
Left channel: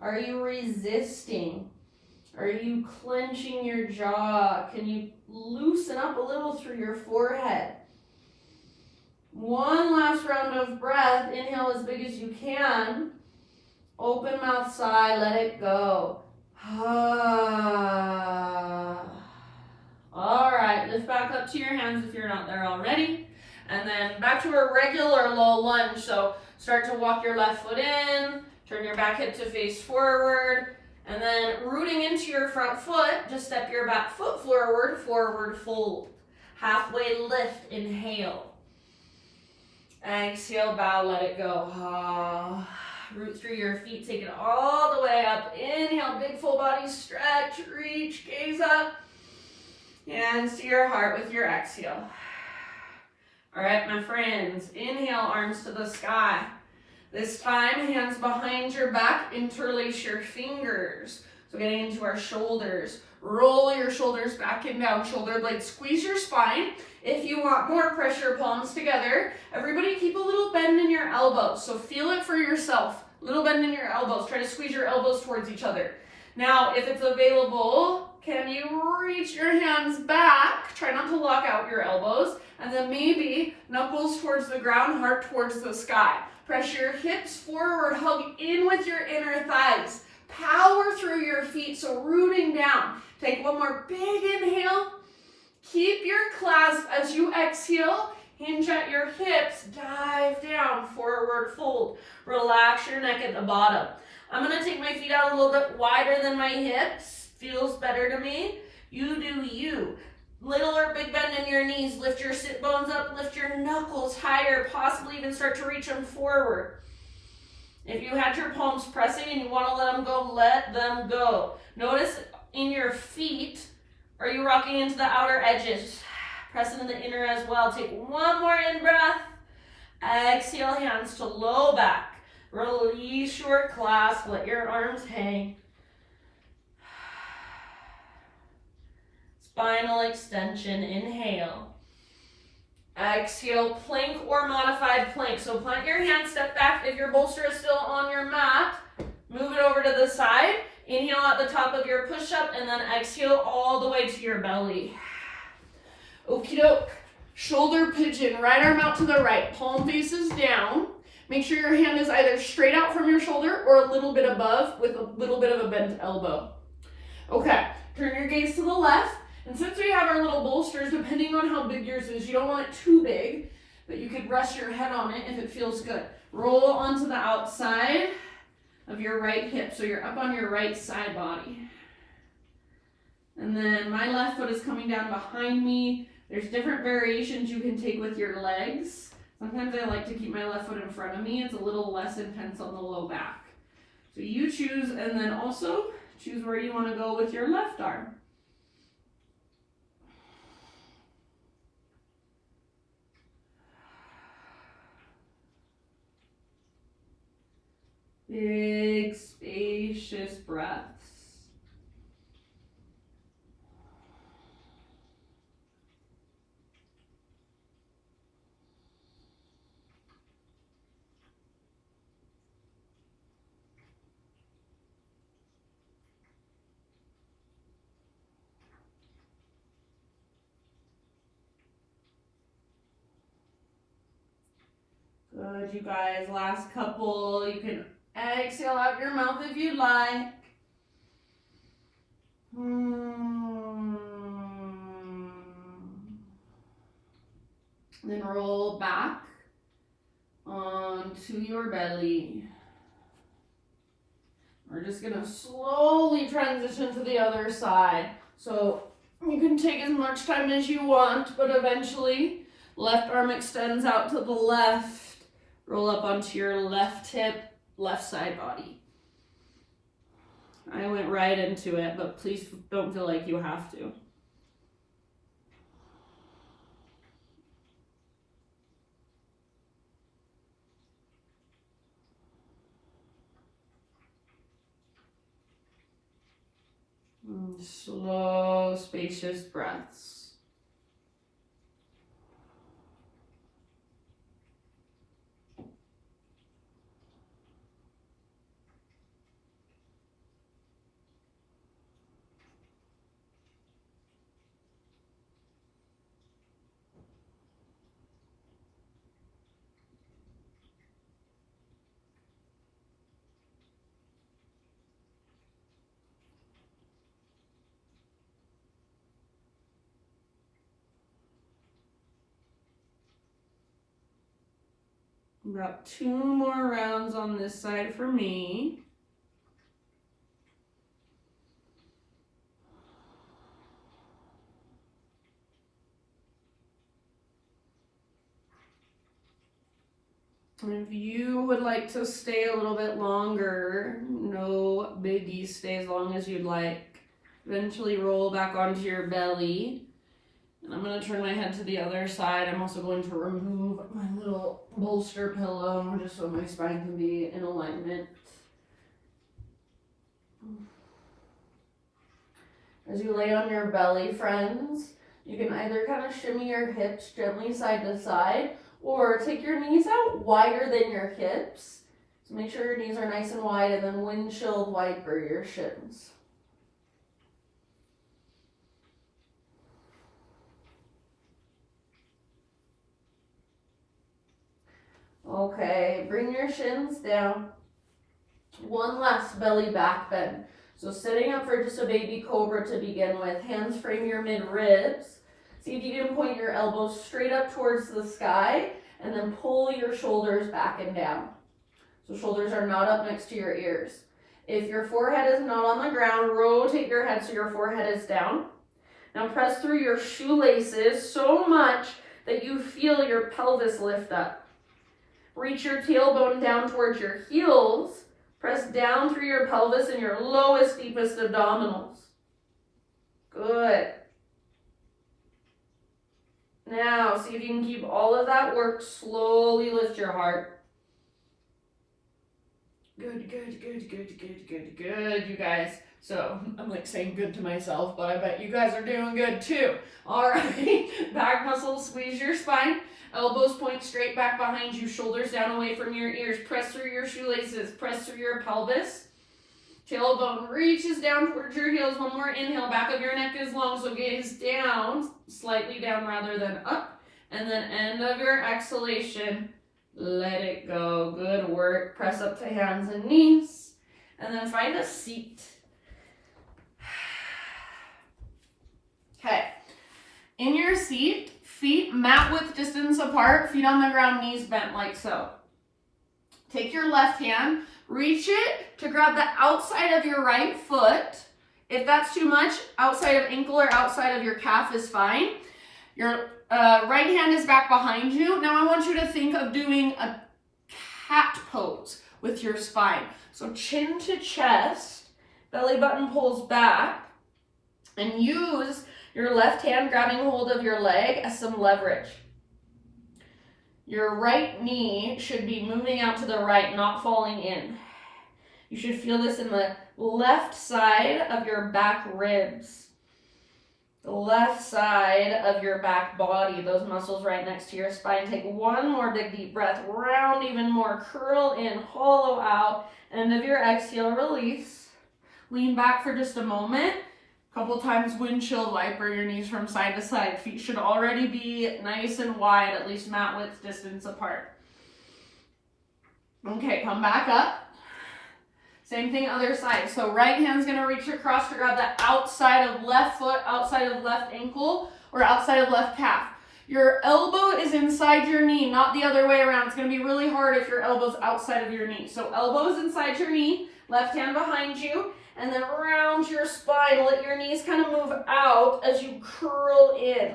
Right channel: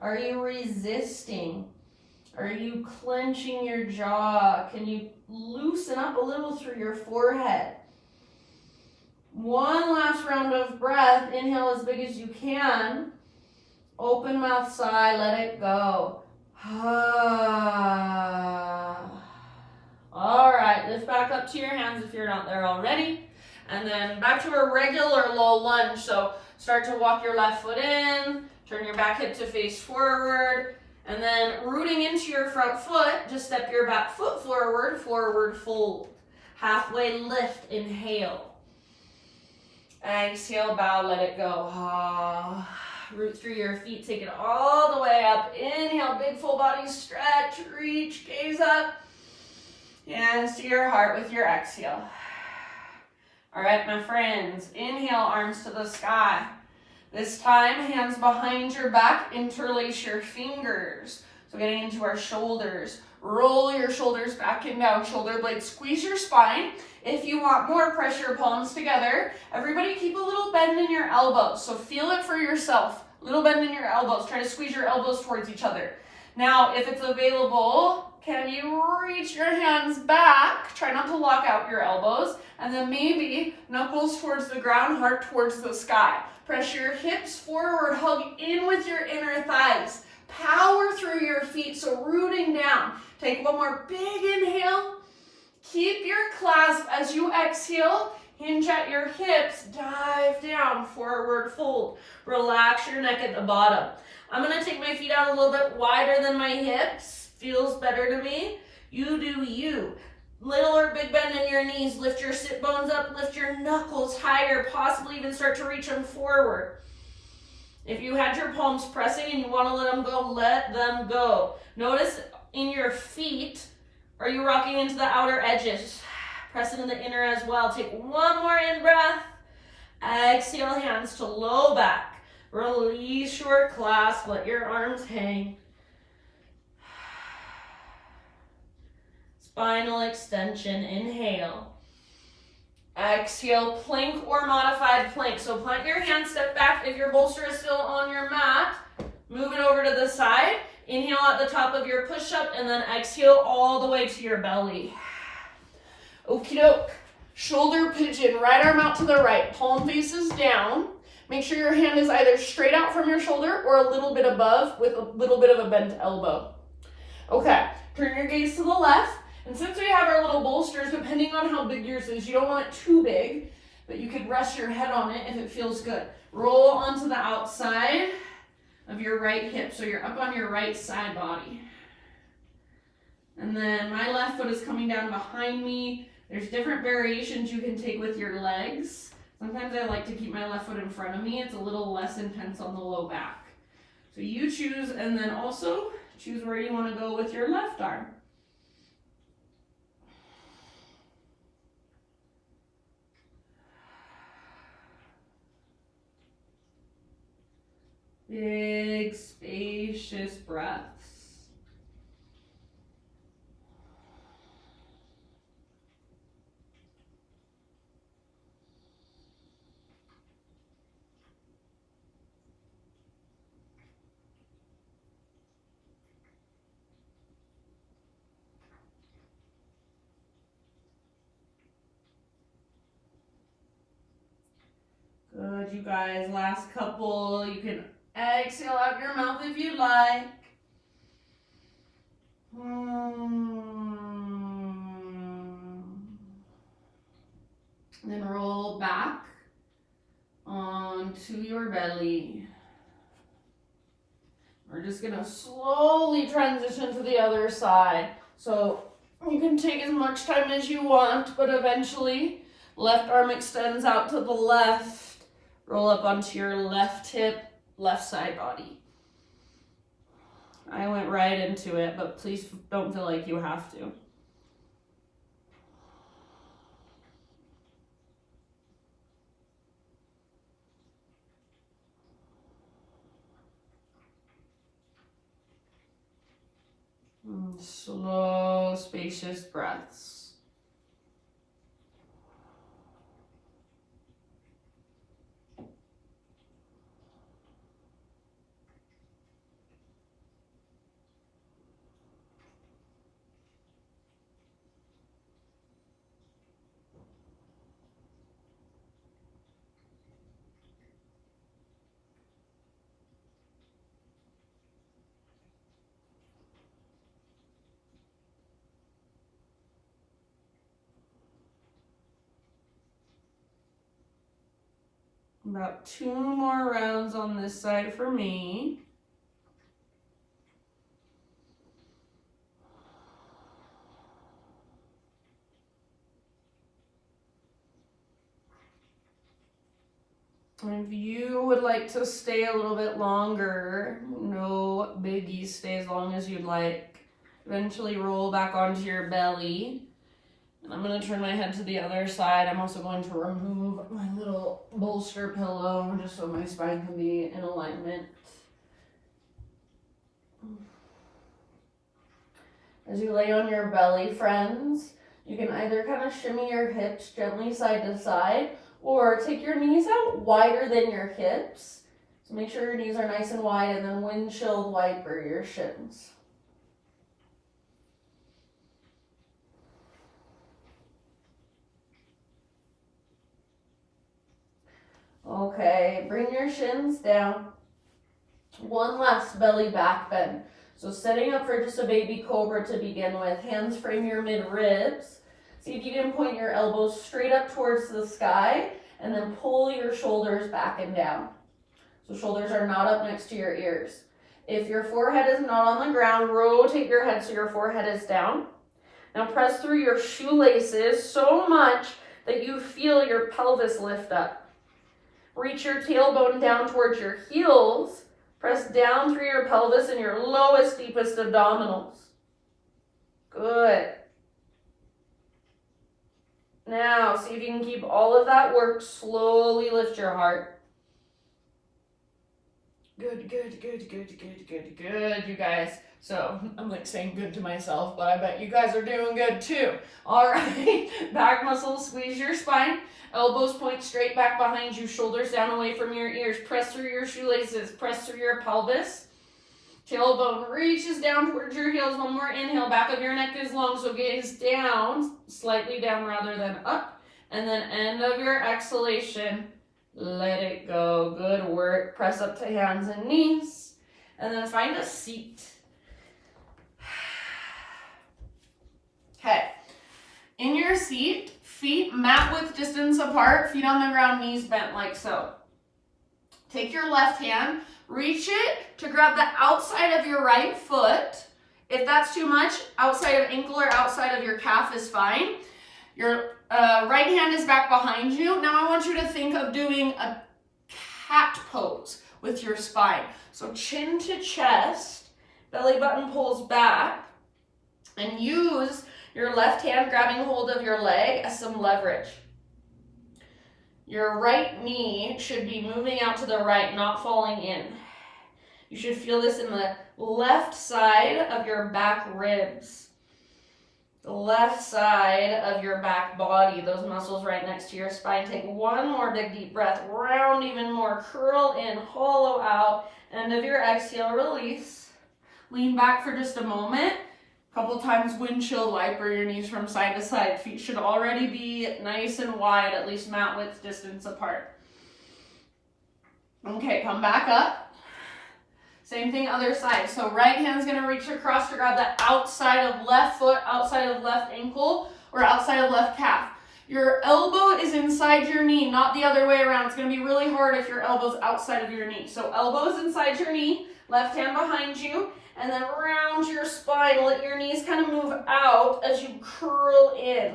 Are you resisting? Are you clenching your jaw? Can you loosen up a little through your forehead? One last round of breath. Inhale as big as you can. Open mouth sigh, let it go. All right, lift back up to your hands if you're not there already. And then back to a regular low lunge. So start to walk your left foot in, turn your back hip to face forward, and then rooting into your front foot, just step your back foot forward, forward fold. Halfway lift, inhale. Exhale, bow, let it go. Root through your feet, take it all the way up. Inhale, big full body stretch, reach, gaze up. Hands to your heart with your exhale. All right, my friends, inhale, arms to the sky. This time, hands behind your back, interlace your fingers. So getting into our shoulders. Roll your shoulders back and down, shoulder blades, squeeze your spine. If you want more, press your palms together. Everybody keep a little bend in your elbows. So feel it for yourself. Little bend in your elbows. Try to squeeze your elbows towards each other. Now, if it's available, can you reach your hands back? Try not to lock out your elbows. And then maybe knuckles towards the ground, heart towards the sky. Press your hips forward, hug in with your inner thighs. Power through your feet, so rooting down. Take one more big inhale. Keep your clasp as you exhale. Hinge at your hips, dive down, forward fold. Relax your neck at the bottom. I'm gonna take my feet out a little bit wider than my hips. Feels better to me. You do you. Little or big bend in your knees. Lift your sit bones up, lift your knuckles higher, possibly even start to reach them forward. If you had your palms pressing and you want to let them go. Notice in your feet, are you rocking into the outer edges? Press into the inner as well. Take one more in breath. Exhale, hands to low back. Release your clasp, let your arms hang. Spinal extension, inhale. Exhale, plank or modified plank. So plant your hands, step back. If your bolster is still on your mat, move it over to the side. Inhale at the top of your push-up and then exhale all the way to your belly. Okie doke. Shoulder pigeon, right arm out to the right, palm faces down. Make sure your hand is either straight out from your shoulder or a little bit above with a little bit of a bent elbow. Okay, turn your gaze to the left. And since we have our little bolsters, depending on how big yours is, you don't want it too big, but you could rest your head on it if it feels good. Roll onto the outside of your right hip, so you're up on your right side body. And then my left foot is coming down behind me. There's different variations you can take with your legs. Sometimes I like to keep my left foot in front of me. It's a little less intense on the low back. So you choose, and then also choose where you want to go with your left arm. Big, spacious breaths. Good, you guys. Last couple. You can exhale out your mouth if you like. Then roll back onto your belly. We're just going to slowly transition to the other side. So you can take as much time as you want, but eventually left arm extends out to the left. Roll up onto your left hip, left side body. I went right into it, but please don't feel like you have to. Slow, spacious breaths. About 2 more rounds on this side for me. If you would like to stay a little bit longer, no biggie, stay as long as you'd like. Eventually roll back onto your belly. And I'm going to turn my head to the other side. I'm also going to remove my little bolster pillow just so my spine can be in alignment. As you lay on your belly, friends, you can either kind of shimmy your hips gently side to side or take your knees out wider than your hips. So make sure your knees are nice and wide and then windshield wiper your shins. Okay, bring your shins down. One last belly back bend. So setting up for just a baby cobra to begin with. Hands frame your mid-ribs. See if you can point your elbows straight up towards the sky and then pull your shoulders back and down. So shoulders are not up next to your ears. If your forehead is not on the ground, rotate your head so your forehead is down. Now press through your shoelaces so much that you feel your pelvis lift up. Reach your tailbone down towards your heels. Press down through your pelvis and your lowest, deepest abdominals. Good. Now, see if you can keep all of that work. Slowly lift your heart. Good, good, good, good, good, good, good, you guys. So, I'm like saying good to myself, but I bet you guys are doing good too. All right, back muscles, squeeze your spine. Elbows point straight back behind you, shoulders down away from your ears. Press through your shoelaces, press through your pelvis. Tailbone reaches down towards your heels. One more inhale, back of your neck is long, so gaze down, slightly down rather than up. And then end of your exhalation, let it go. Good work. Press up to hands and knees. And then find a seat. Okay. In your seat, feet mat width distance apart, feet on the ground, knees bent like so. Take your left hand, reach it to grab the outside of your right foot. If that's too much, outside of ankle or outside of your calf is fine. Your right hand is back behind you. Now I want you to think of doing a cat pose with your spine. So chin to chest, belly button pulls back, and use your left hand grabbing hold of your leg as some leverage. Your right knee should be moving out to the right, not falling in. You should feel this in the left side of your back ribs. The left side of your back body, those muscles right next to your spine. Take one more big deep breath, round even more, curl in, hollow out. End of your exhale, release. Lean back for just a moment. Couple times windshield wiper your knees from side to side. Feet should already be nice and wide, at least mat width distance apart. Okay, come back up. Same thing other side. So right hand's gonna reach across to grab the outside of left foot, outside of left ankle, or outside of left calf. Your elbow is inside your knee, not the other way around. It's gonna be really hard if your elbow's outside of your knee. So elbow's inside your knee, left hand behind you, and then around your spine. Let your knees kind of move out as you curl in.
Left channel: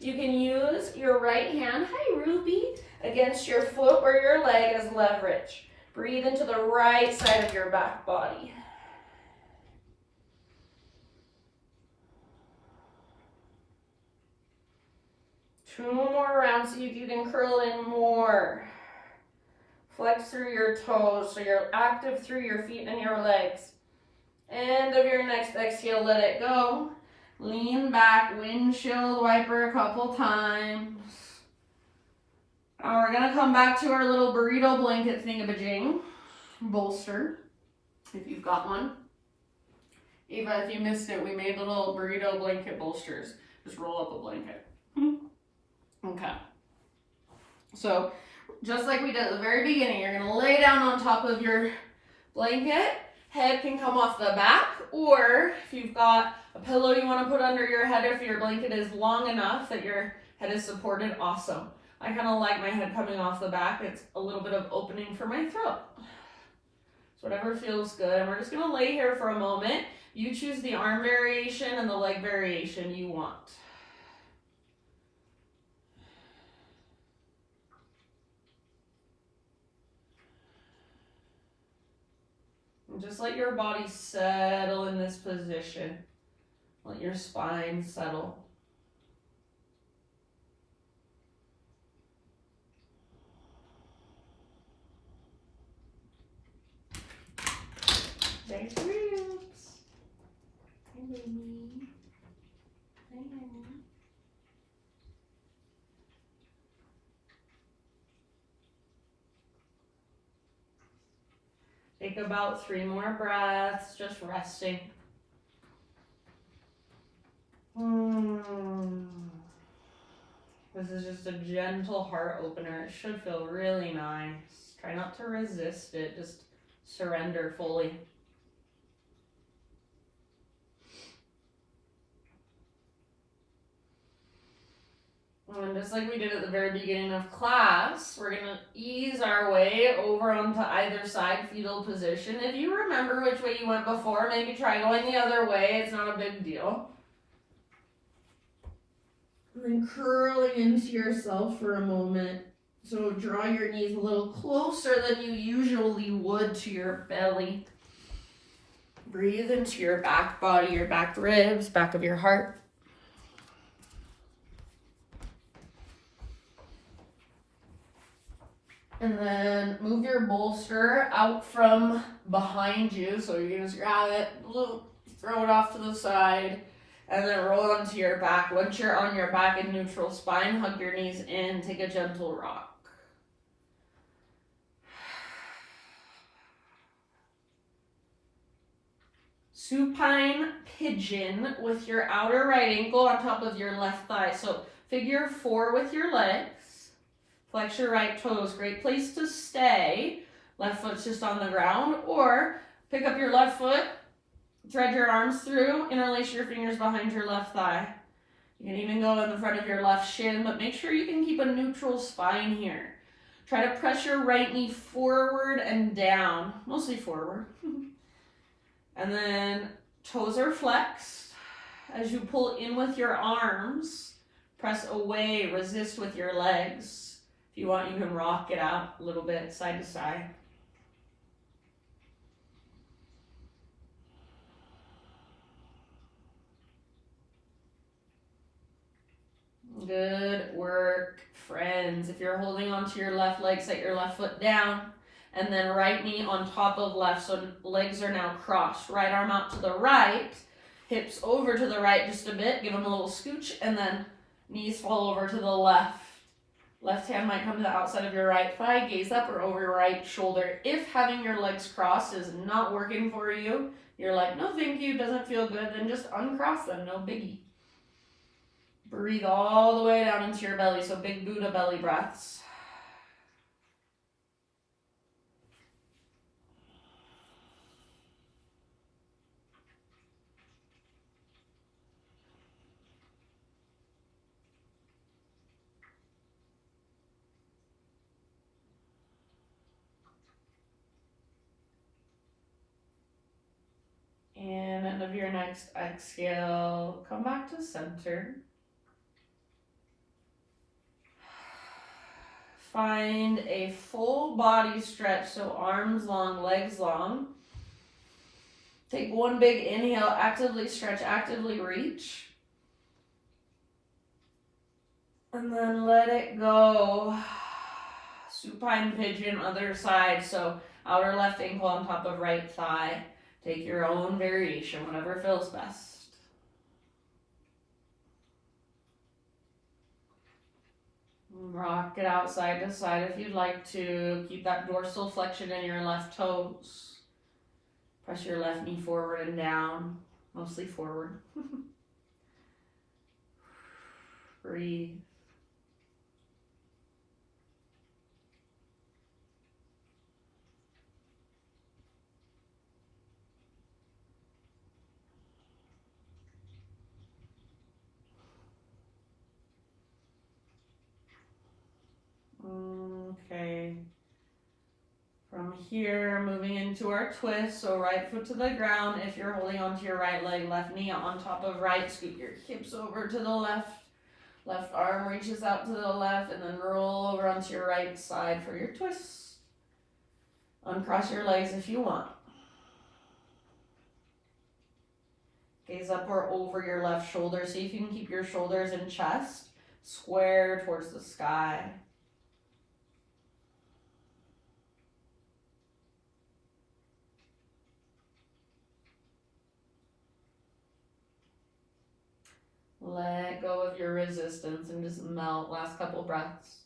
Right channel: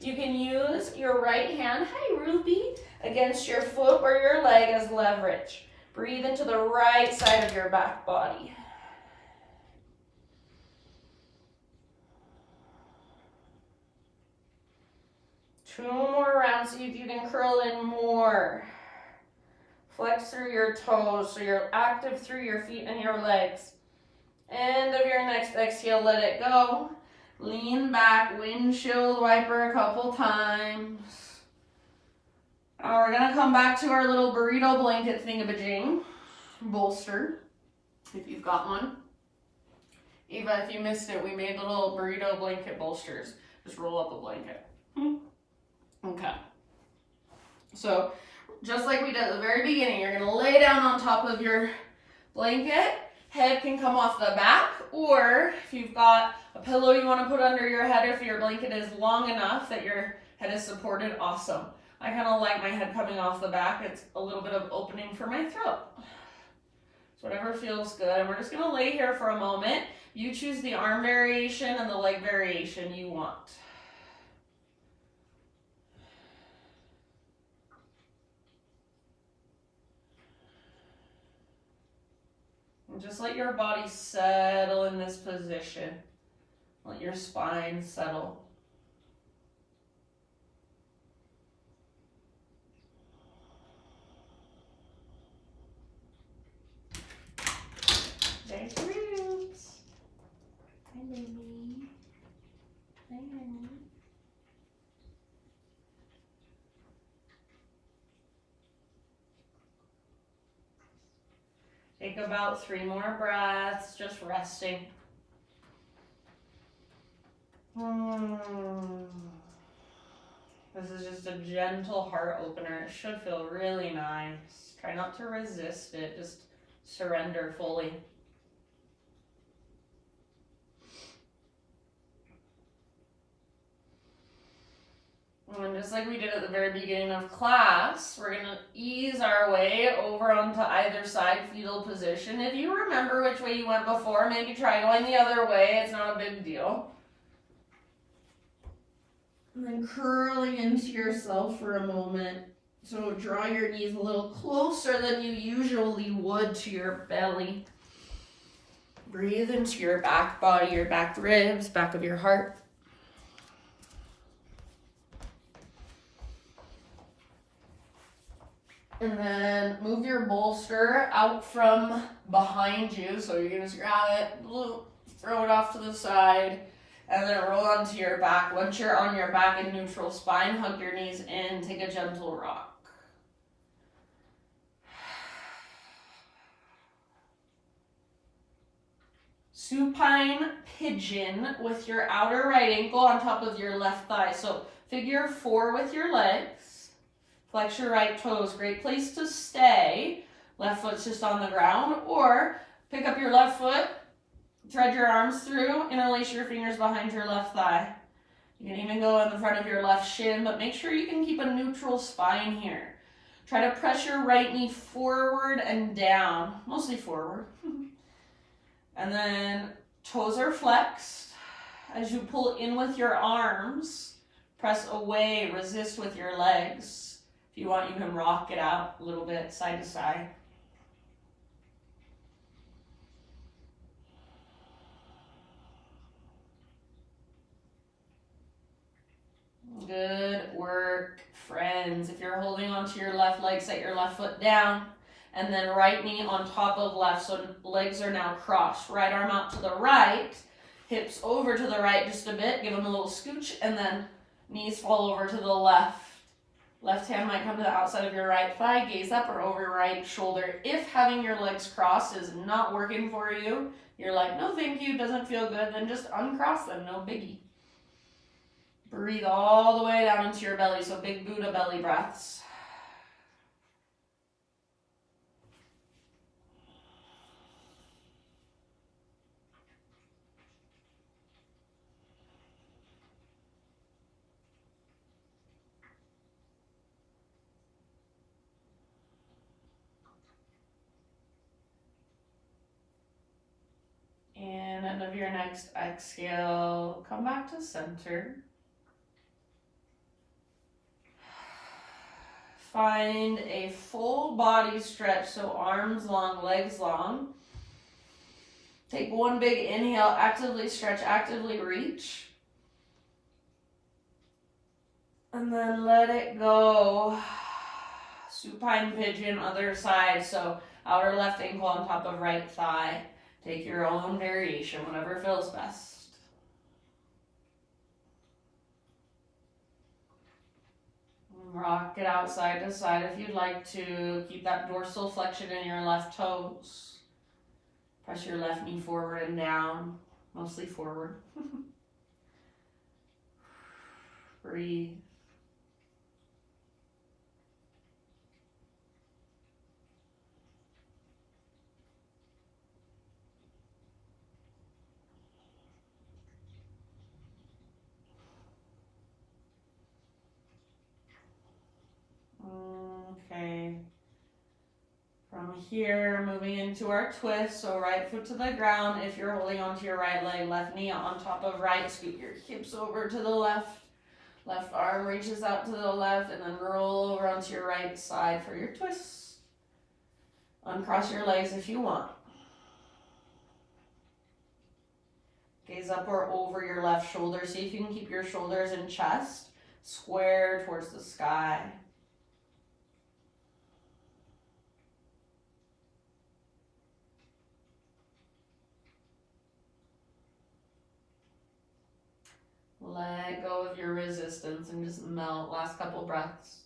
You can use your right hand, hi Ruby, against your foot or your leg as leverage. Breathe into the right side of your back body. Two more rounds, see if you can curl in more. Flex through your toes so you're active through your feet and your legs. End of your next exhale, let it go. Lean back, windshield wiper a couple times. Now we're gonna come back to our little burrito blanket thingamajig. Bolster, if you've got one. Eva, if you missed it, we made little burrito blanket bolsters. Just roll up a blanket. Okay. So, just like we did at the very beginning, you're gonna lay down on top of your blanket. Head can come off the back, or if you've got a pillow you want to put under your head, or if your blanket is long enough that your head is supported, awesome. I kind of like my head coming off the back. It's a little bit of opening for my throat. So whatever feels good. And we're just going to lay here for a moment. You choose the arm variation and the leg variation you want. And just let your body settle in this position. Let your spine settle. There's Roots. Hi, baby. Hi, honey. Take about 3 more breaths, just resting. This is just a gentle heart opener. It should feel really nice. Try not to resist it, just surrender fully. And just like we did at the very beginning of class, we're going to ease our way over onto either side, fetal position. If you remember which way you went before, maybe try going the other way. It's not a big deal. And then curling into yourself for a moment. So draw your knees a little closer than you usually would to your belly. Breathe into your back body, your back ribs, back of your heart. And then move your bolster out from behind you. So you can just grab it, throw it off to the side, and then roll onto your back. Once you're on your back in neutral spine, hug your knees in, take a gentle rock. Supine Pigeon with your outer right ankle on top of your left thigh. So figure 4 with your legs. Flex your right toes. Great place to stay. Left foot's just on the ground. Or pick up your left foot, thread your arms through, interlace your fingers behind your left thigh. You can even go in the front of your left shin, but make sure you can keep a neutral spine here. Try to press your right knee forward and down, mostly forward. And then toes are flexed. As you pull in with your arms, press away, resist with your legs. If you want, you can rock it out a little bit, side to side. Good work, friends. If you're holding onto your left leg, set your left foot down. And then right knee on top of left, so legs are now crossed. Right arm out to the right, hips over to the right just a bit, give them a little scooch, and then knees fall over to the left. Left hand might come to the outside of your right thigh, gaze up or over your right shoulder. If having your legs crossed is not working for you, you're like, no thank you, doesn't feel good, then just uncross them, no biggie. Breathe all the way down into your belly, so big Buddha belly breaths. End of your next exhale, come back to center. Find a full body stretch, so arms long, legs long. Take one big inhale, actively stretch, actively reach. And then let it go. Supine Pigeon, other side, so outer left ankle on top of right thigh. Take your own variation, whatever feels best. Rock it out side to side if you'd like to. Keep that dorsal flexion in your left toes. Press your left knee forward and down, mostly forward. Breathe. Okay. From here, moving into our twist. So right foot to the ground. If you're holding onto your right leg, left knee on top of right. Scoot your hips over to the left. Left arm reaches out to the left, and then roll over onto your right side for your twist. Uncross your legs if you want. Gaze up or over your left shoulder. See if you can keep your shoulders and chest square towards the sky. Let go of your resistance and just melt. Last couple breaths.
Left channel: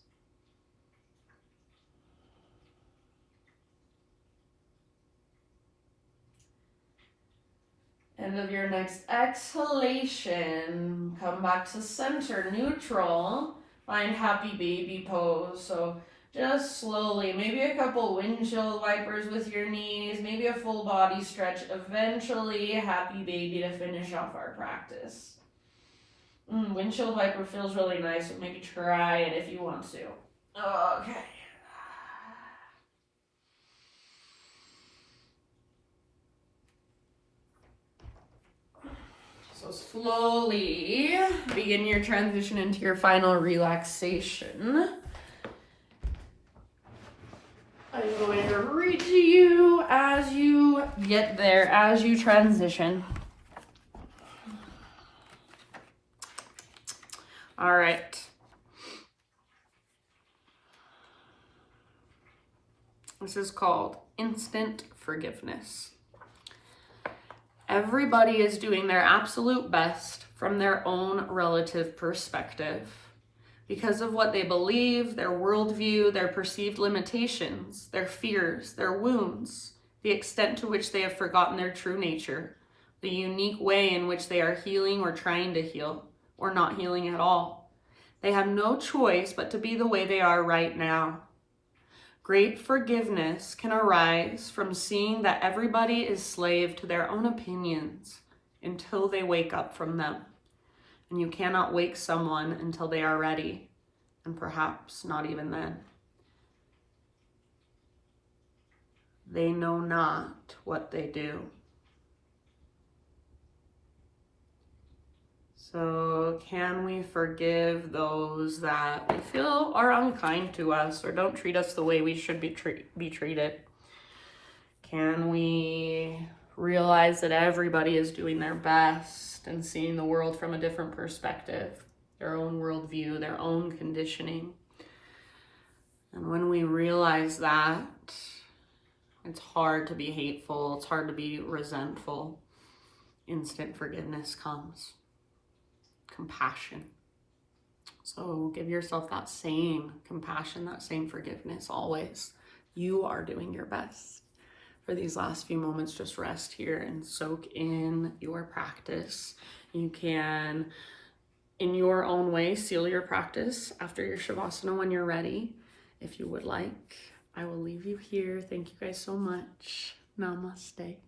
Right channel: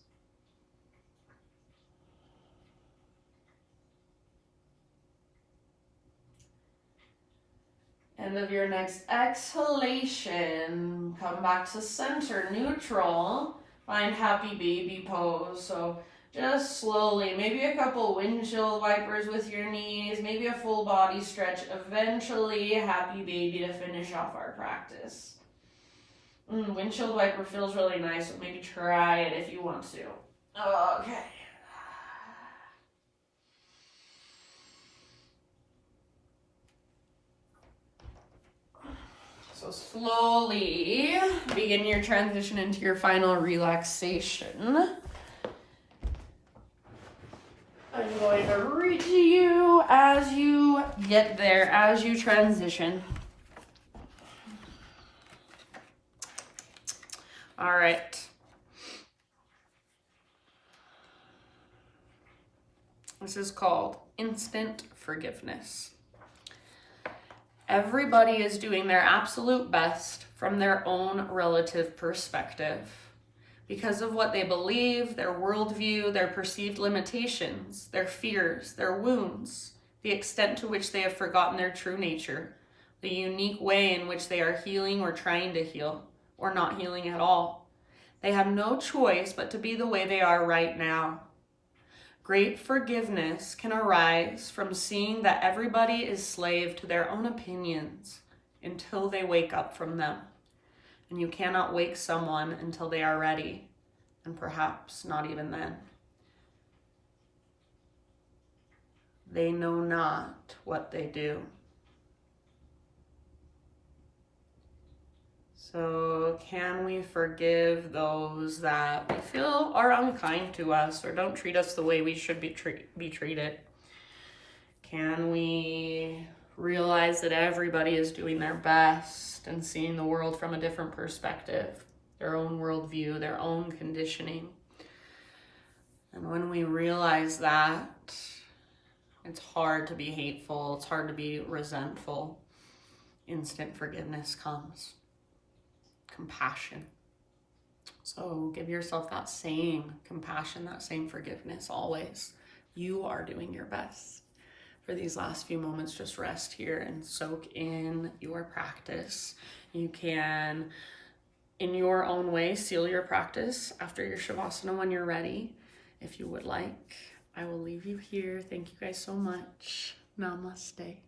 End of your next exhalation. Come back to center, neutral. Find happy baby pose. So just slowly, maybe a couple windshield wipers with your knees, maybe a full body stretch. Eventually, happy baby to finish off our practice. Windshield wiper feels really nice, so maybe try it if you want to. Okay. So slowly begin your transition into your final relaxation. I'm going to read to you as you get there, as you transition. All right. This is called instant forgiveness. Everybody is doing their absolute best from their own relative perspective because of what they believe, their worldview, their perceived limitations, their fears, their wounds, the extent to which they have forgotten their true nature, the unique way in which they are healing or trying to heal, or not healing at all. They have no choice but to be the way they are right now. Great forgiveness can arise from seeing that everybody is slave to their own opinions until they wake up from them. And you cannot wake someone until they are ready, and perhaps not even then. They know not what they do. So can we forgive those that we feel are unkind to us or don't treat us the way we should be treated? Can we realize that everybody is doing their best and seeing the world from a different perspective, their own worldview, their own conditioning? And when we realize that, it's hard to be hateful, it's hard to be resentful. Instant forgiveness comes. Compassion. So give yourself that same compassion, that same forgiveness always. You are doing your best. For these last few moments, just rest here and soak in your practice. You can, in your own way, seal your practice after your Shavasana when you're ready, if you would like. I will leave you here. Thank you guys so much. Namaste.